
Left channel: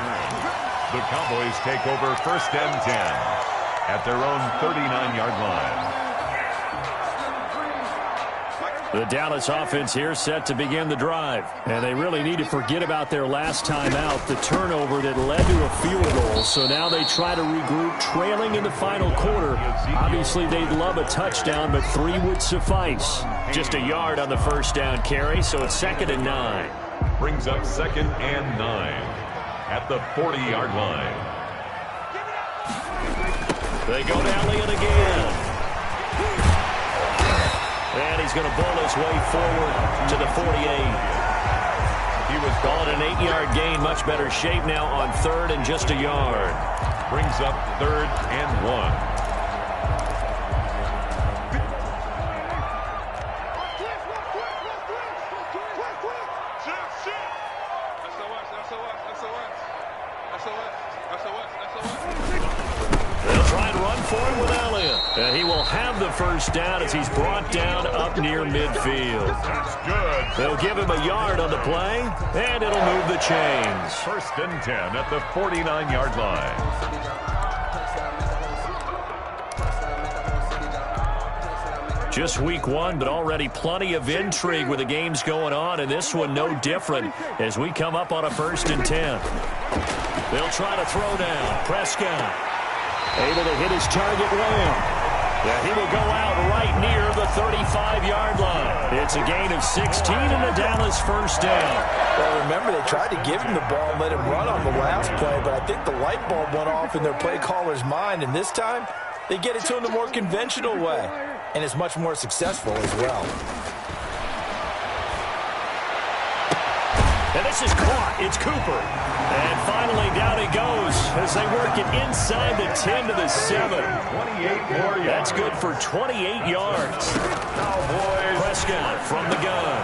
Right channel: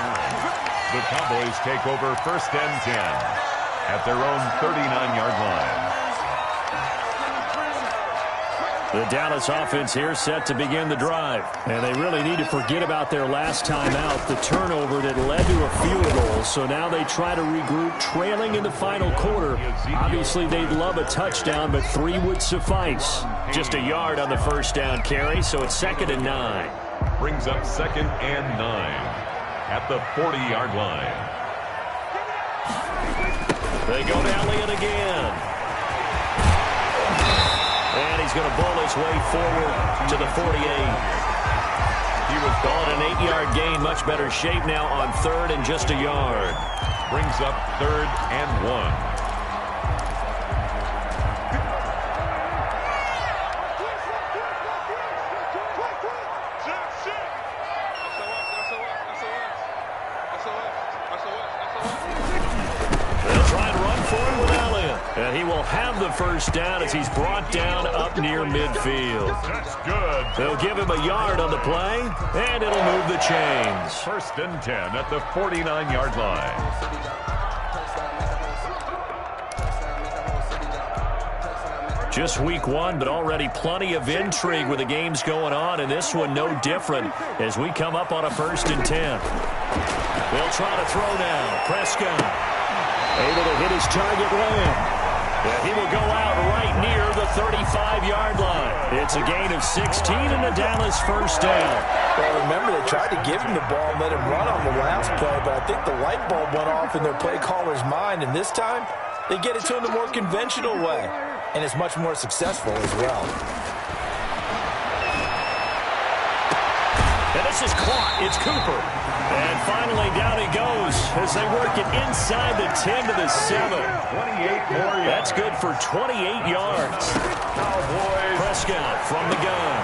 The Cowboys take over 1st and 10 at their own 39-yard line. The Dallas offense here set to begin the drive. And they really need to forget about their last time out, the turnover that led to a field goal. So now they try to regroup, trailing in the final quarter. Obviously, they'd love a touchdown, but 3 would suffice. Just a yard on the 1st down carry, so it's 2nd and 9. Brings up 2nd and 9 at the 40-yard line. They go to Elliott again. And he's going to bowl his way forward to the 48. He was called an 8-yard gain. Much better shape now on 3rd and just a yard. Brings up 3rd and 1. They'll try and run for him with Elliott. And he will have the 1st down as he's brought down up near midfield. That's good. They'll give him a yard on the play, and it'll move the chains. 1st and 10 at the 49-yard line. Just week 1, but already plenty of intrigue with the games going on, and this one no different as we come up on a 1st and 10. They'll try to throw now. Prescott able to hit his target, Lamb. Yeah, he will go out right near the 35-yard line. It's a gain of 16 and a Dallas 1st down. Well, remember, they tried to give him the ball and let him run on the last play, but I think the light bulb went off in their play caller's mind, and this time they get it to him the more conventional way, and it's much more successful as well. And this is caught. It's Cooper. And finally, down he goes as they work it inside the 10 to the 7. 28 more yards. That's good for 28 yards. Cowboys. Prescott from the gun.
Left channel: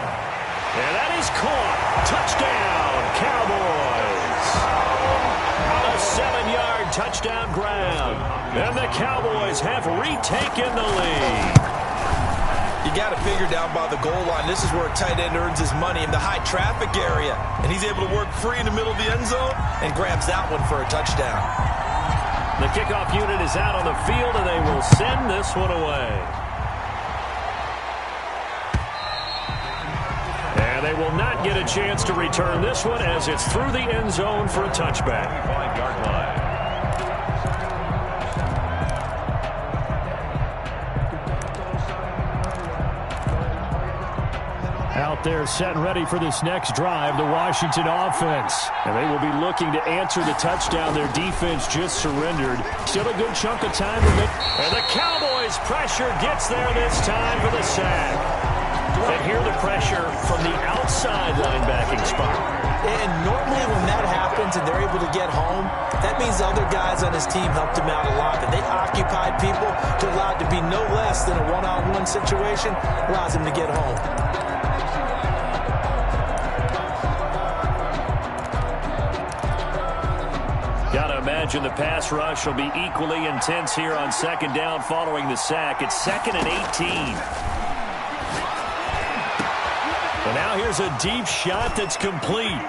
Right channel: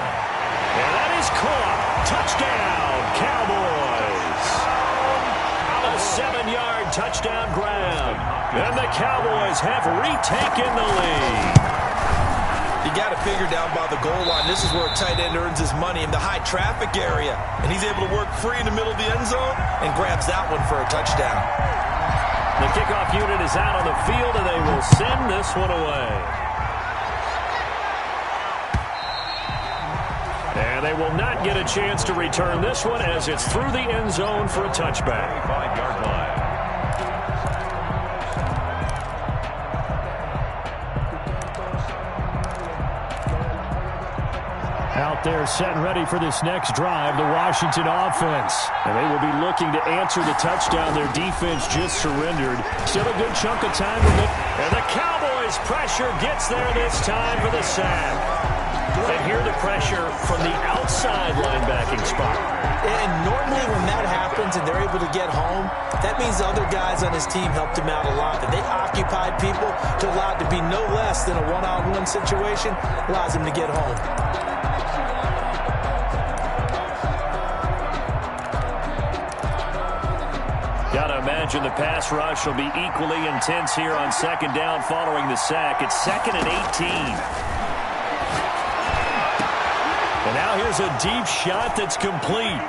And that is caught. Touchdown, Cowboys. A 7-yard touchdown grab. And the Cowboys have retaken the lead. You got to figure down by the goal line. This is where a tight end earns his money in the high traffic area. And he's able to work free in the middle of the end zone and grabs that one for a touchdown. The kickoff unit is out on the field, and they will send this one away. And they will not get a chance to return this one as it's through the end zone for a touchback. 25-yard line. Out there set and ready for this next drive, the Washington offense. And they will be looking to answer the touchdown their defense just surrendered. Still a good chunk of time to make. And the Cowboys pressure gets there this time for the sack. And here the pressure from the outside linebacking spot. And normally when that happens and they're able to get home, that means the other guys on his team helped him out a lot. That they occupied people to allow it to be no less than a one-on-one situation, allows him to get home. Got to imagine the pass rush will be equally intense here on second down following the sack. It's 2nd and 18. And now here's a deep shot that's complete.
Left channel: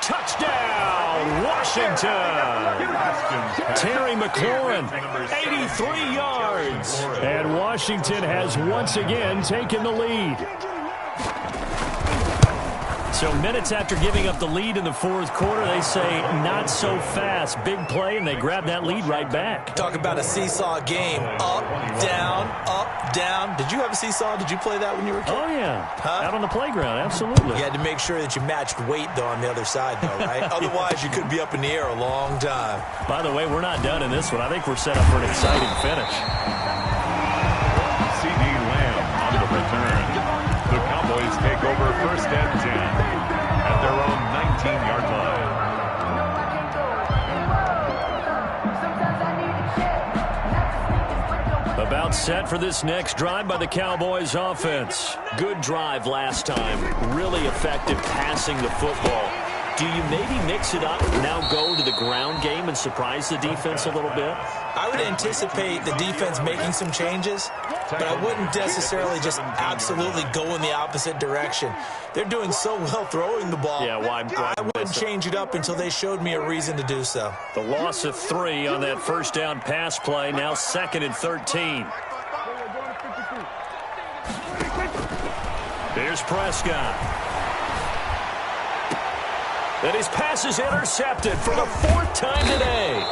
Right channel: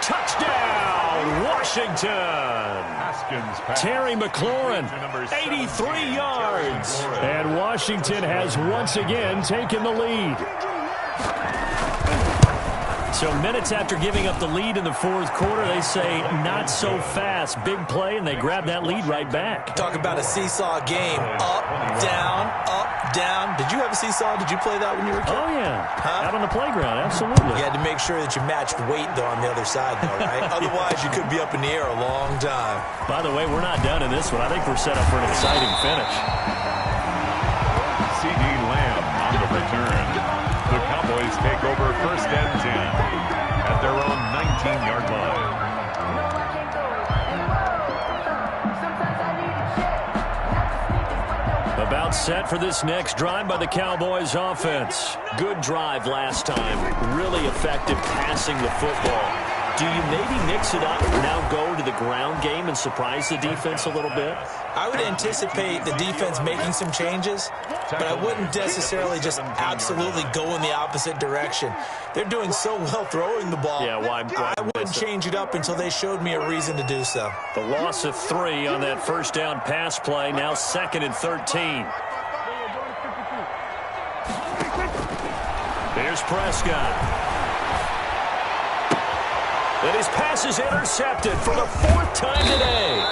Touchdown, Washington. Terry McLaurin, 83 yards. And Washington has once again taken the lead. So minutes after giving up the lead in the fourth quarter, they say not so fast. Big play, and they grab that lead right back. Talk about a seesaw game. Up, down, up, down. Did you have a seesaw? Did you play that when you were a kid? Oh, yeah. Huh? Out on the playground, absolutely. You had to make sure that you matched weight, though, on the other side, though, right? Otherwise, you could be up in the air a long time. By the way, we're not done in this one. I think we're set up for an exciting finish. C.D. Lamb on the return. The Cowboys take over 1st and 10 at their own 19-yard line. About set for this next drive by the Cowboys offense. Good drive last time. Really effective passing the football. Do you maybe mix it up, now go to the ground game and surprise the defense a little bit? I would anticipate the defense making some changes, but I wouldn't necessarily just absolutely go in the opposite direction. They're doing so well throwing the ball. Yeah, why I wouldn't change it up until they showed me a reason to do so. The loss of 3 on that first down pass play, now 2nd and 13. Here's Prescott. And his pass is intercepted for the 4th time today.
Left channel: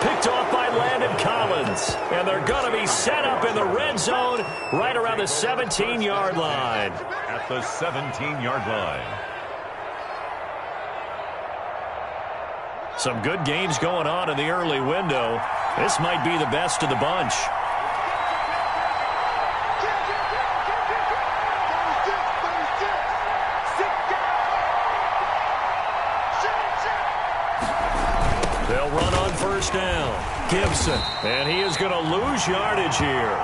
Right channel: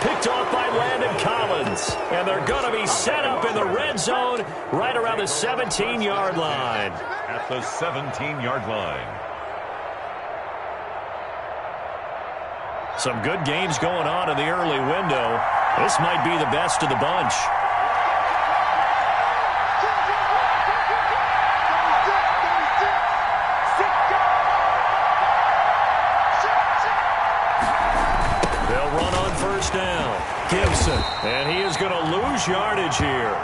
Picked off by Landon Collins. And they're going to be set up in the red zone right around the 17-yard line. At the 17-yard line. Some good games going on in the early window. This might be the best of the bunch. They'll run on first down. Gibson. And he is going to lose yardage here.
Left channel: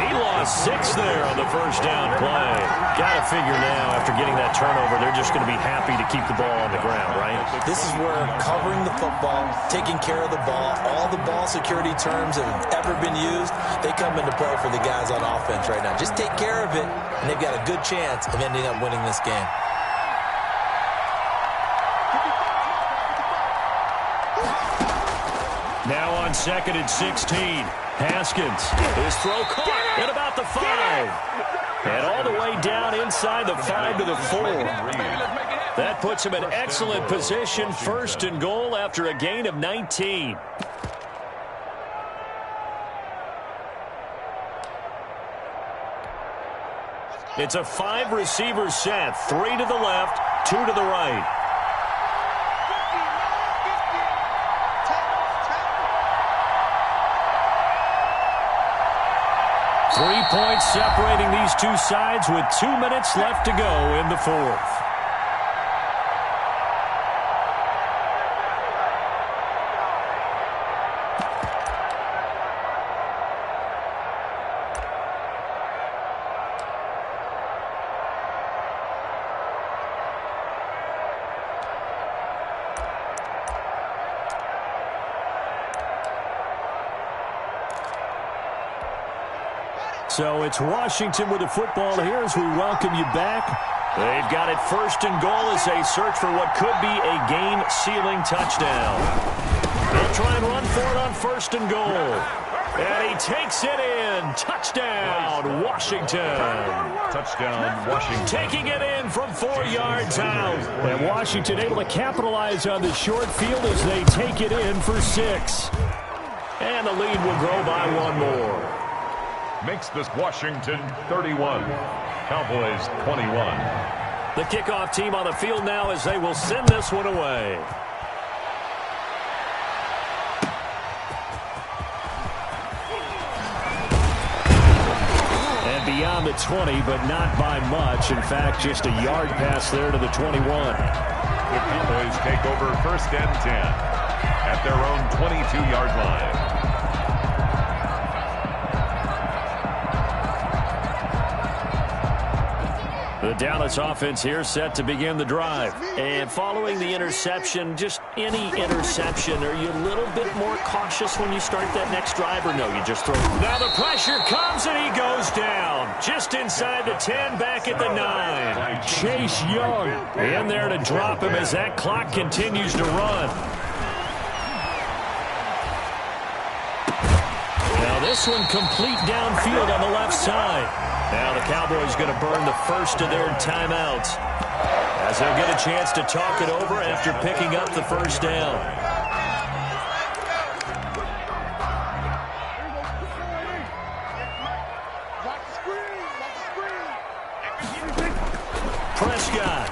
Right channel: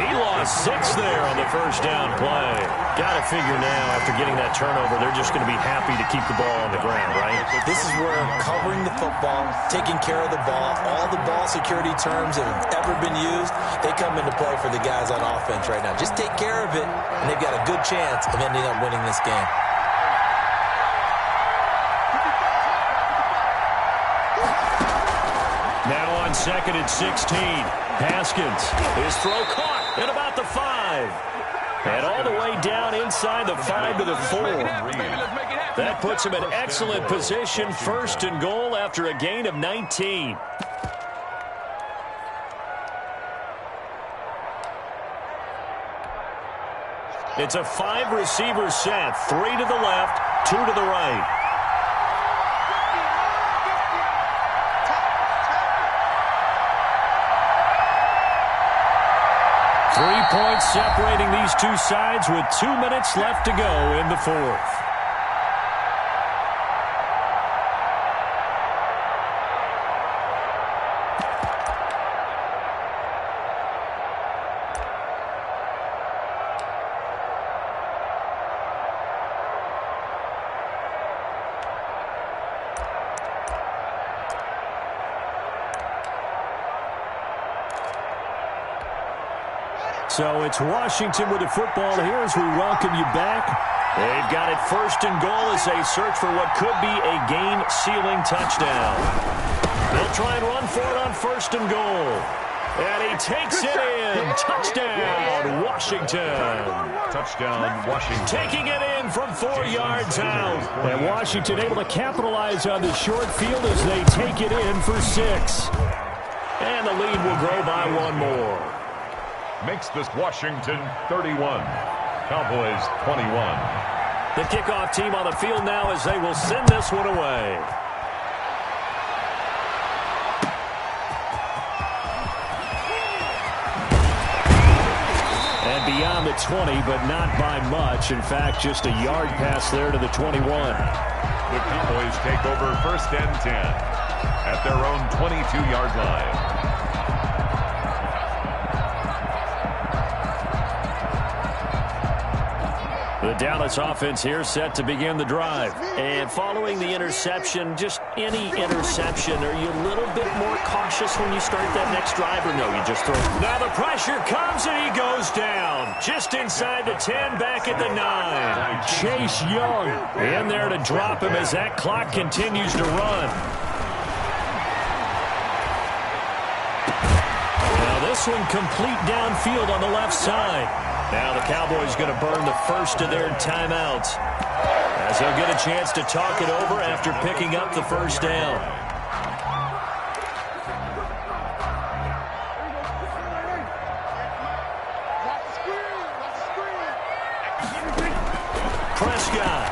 He lost 6 there on the first down play. Got to figure now, after getting that turnover, they're just going to be happy to keep the ball on the ground, right? This is where covering the football, taking care of the ball, all the ball security terms that have ever been used, they come into play for the guys on offense right now. Just take care of it, and they've got a good chance of ending up winning this game. Now on 2nd and 16. Haskins. His throw caught at about the 5. And all the way down inside the 5 to the 4. That puts him in excellent position. 1st and goal after a gain of 19. It's a 5-receiver set. 3 to the left, 2 to the right. 3 points separating these two sides with 2 minutes left to go in the 4th. So it's Washington with the football here as we welcome you back. They've got it 1st and goal as they search for what could be a game-sealing touchdown. They'll try and run for it on 1st and goal. And he takes it in. Touchdown, Washington. Touchdown, Washington. Taking it in from 4 yards out. And Washington able to capitalize on the short field as they take it in for 6. And the lead will grow by 1 more. Makes this Washington 31. Cowboys 21. The kickoff team on the field now as they will send this one away. And beyond the 20, but not by much. In fact, just a yard pass there to the 21. The Cowboys take over 1st and 10 at their own 22-yard line. The Dallas offense here set to begin the drive. And following the interception, just any interception, are you a little bit more cautious when you start that next drive, or no, you just throw it? Now the pressure comes and he goes down. Just inside the 10, back at the 9. Chase Young in there to drop him as that clock continues to run. Now this one complete downfield on the left side. Now the Cowboys going to burn the first of their timeouts, as they'll get a chance to talk it over after picking up the first down. Prescott.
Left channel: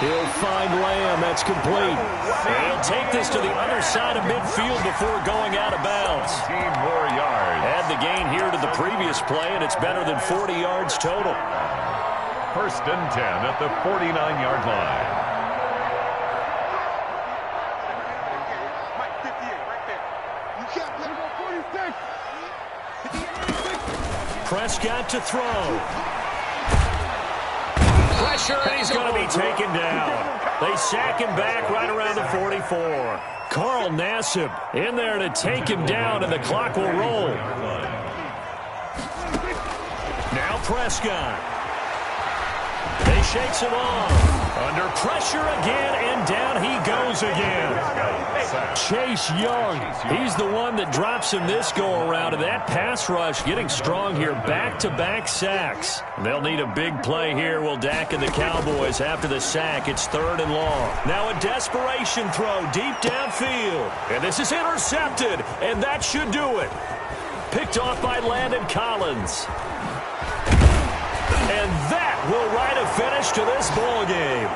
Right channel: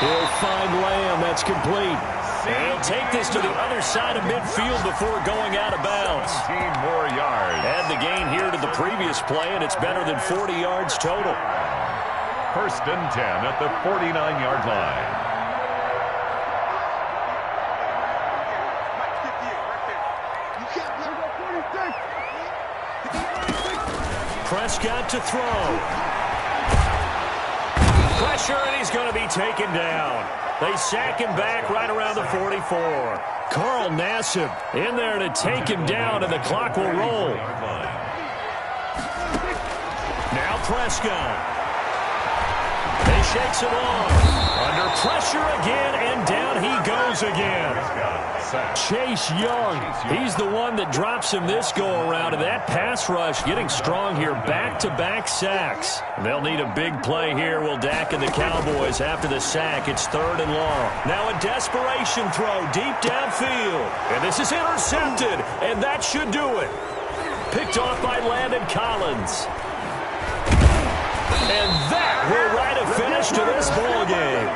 He'll find Lamb. That's complete. And he'll take this to the other side of midfield before going out of bounds. 17 more yards. Add the gain here to the previous play, and it's better than 40 yards total. 1st and 10 at the 49-yard line. Mike, 58, right there. You can't play 46. Prescott to throw. Pressure, and he's going to be taken down. They sack him back right around the 44. Carl Nassib in there to take him down, and the clock will roll. Now Prescott. He shakes it off. Under pressure again, and down he goes again. Chase Young, he's the one that drops him this go-around, and that pass rush getting strong here. Back-to-back sacks. They'll need a big play here, will Dak and the Cowboys. After the sack, it's 3rd and long. Now a desperation throw deep downfield. And this is intercepted, and that should do it. Picked off by Landon Collins. And that will write a finish to this ball game.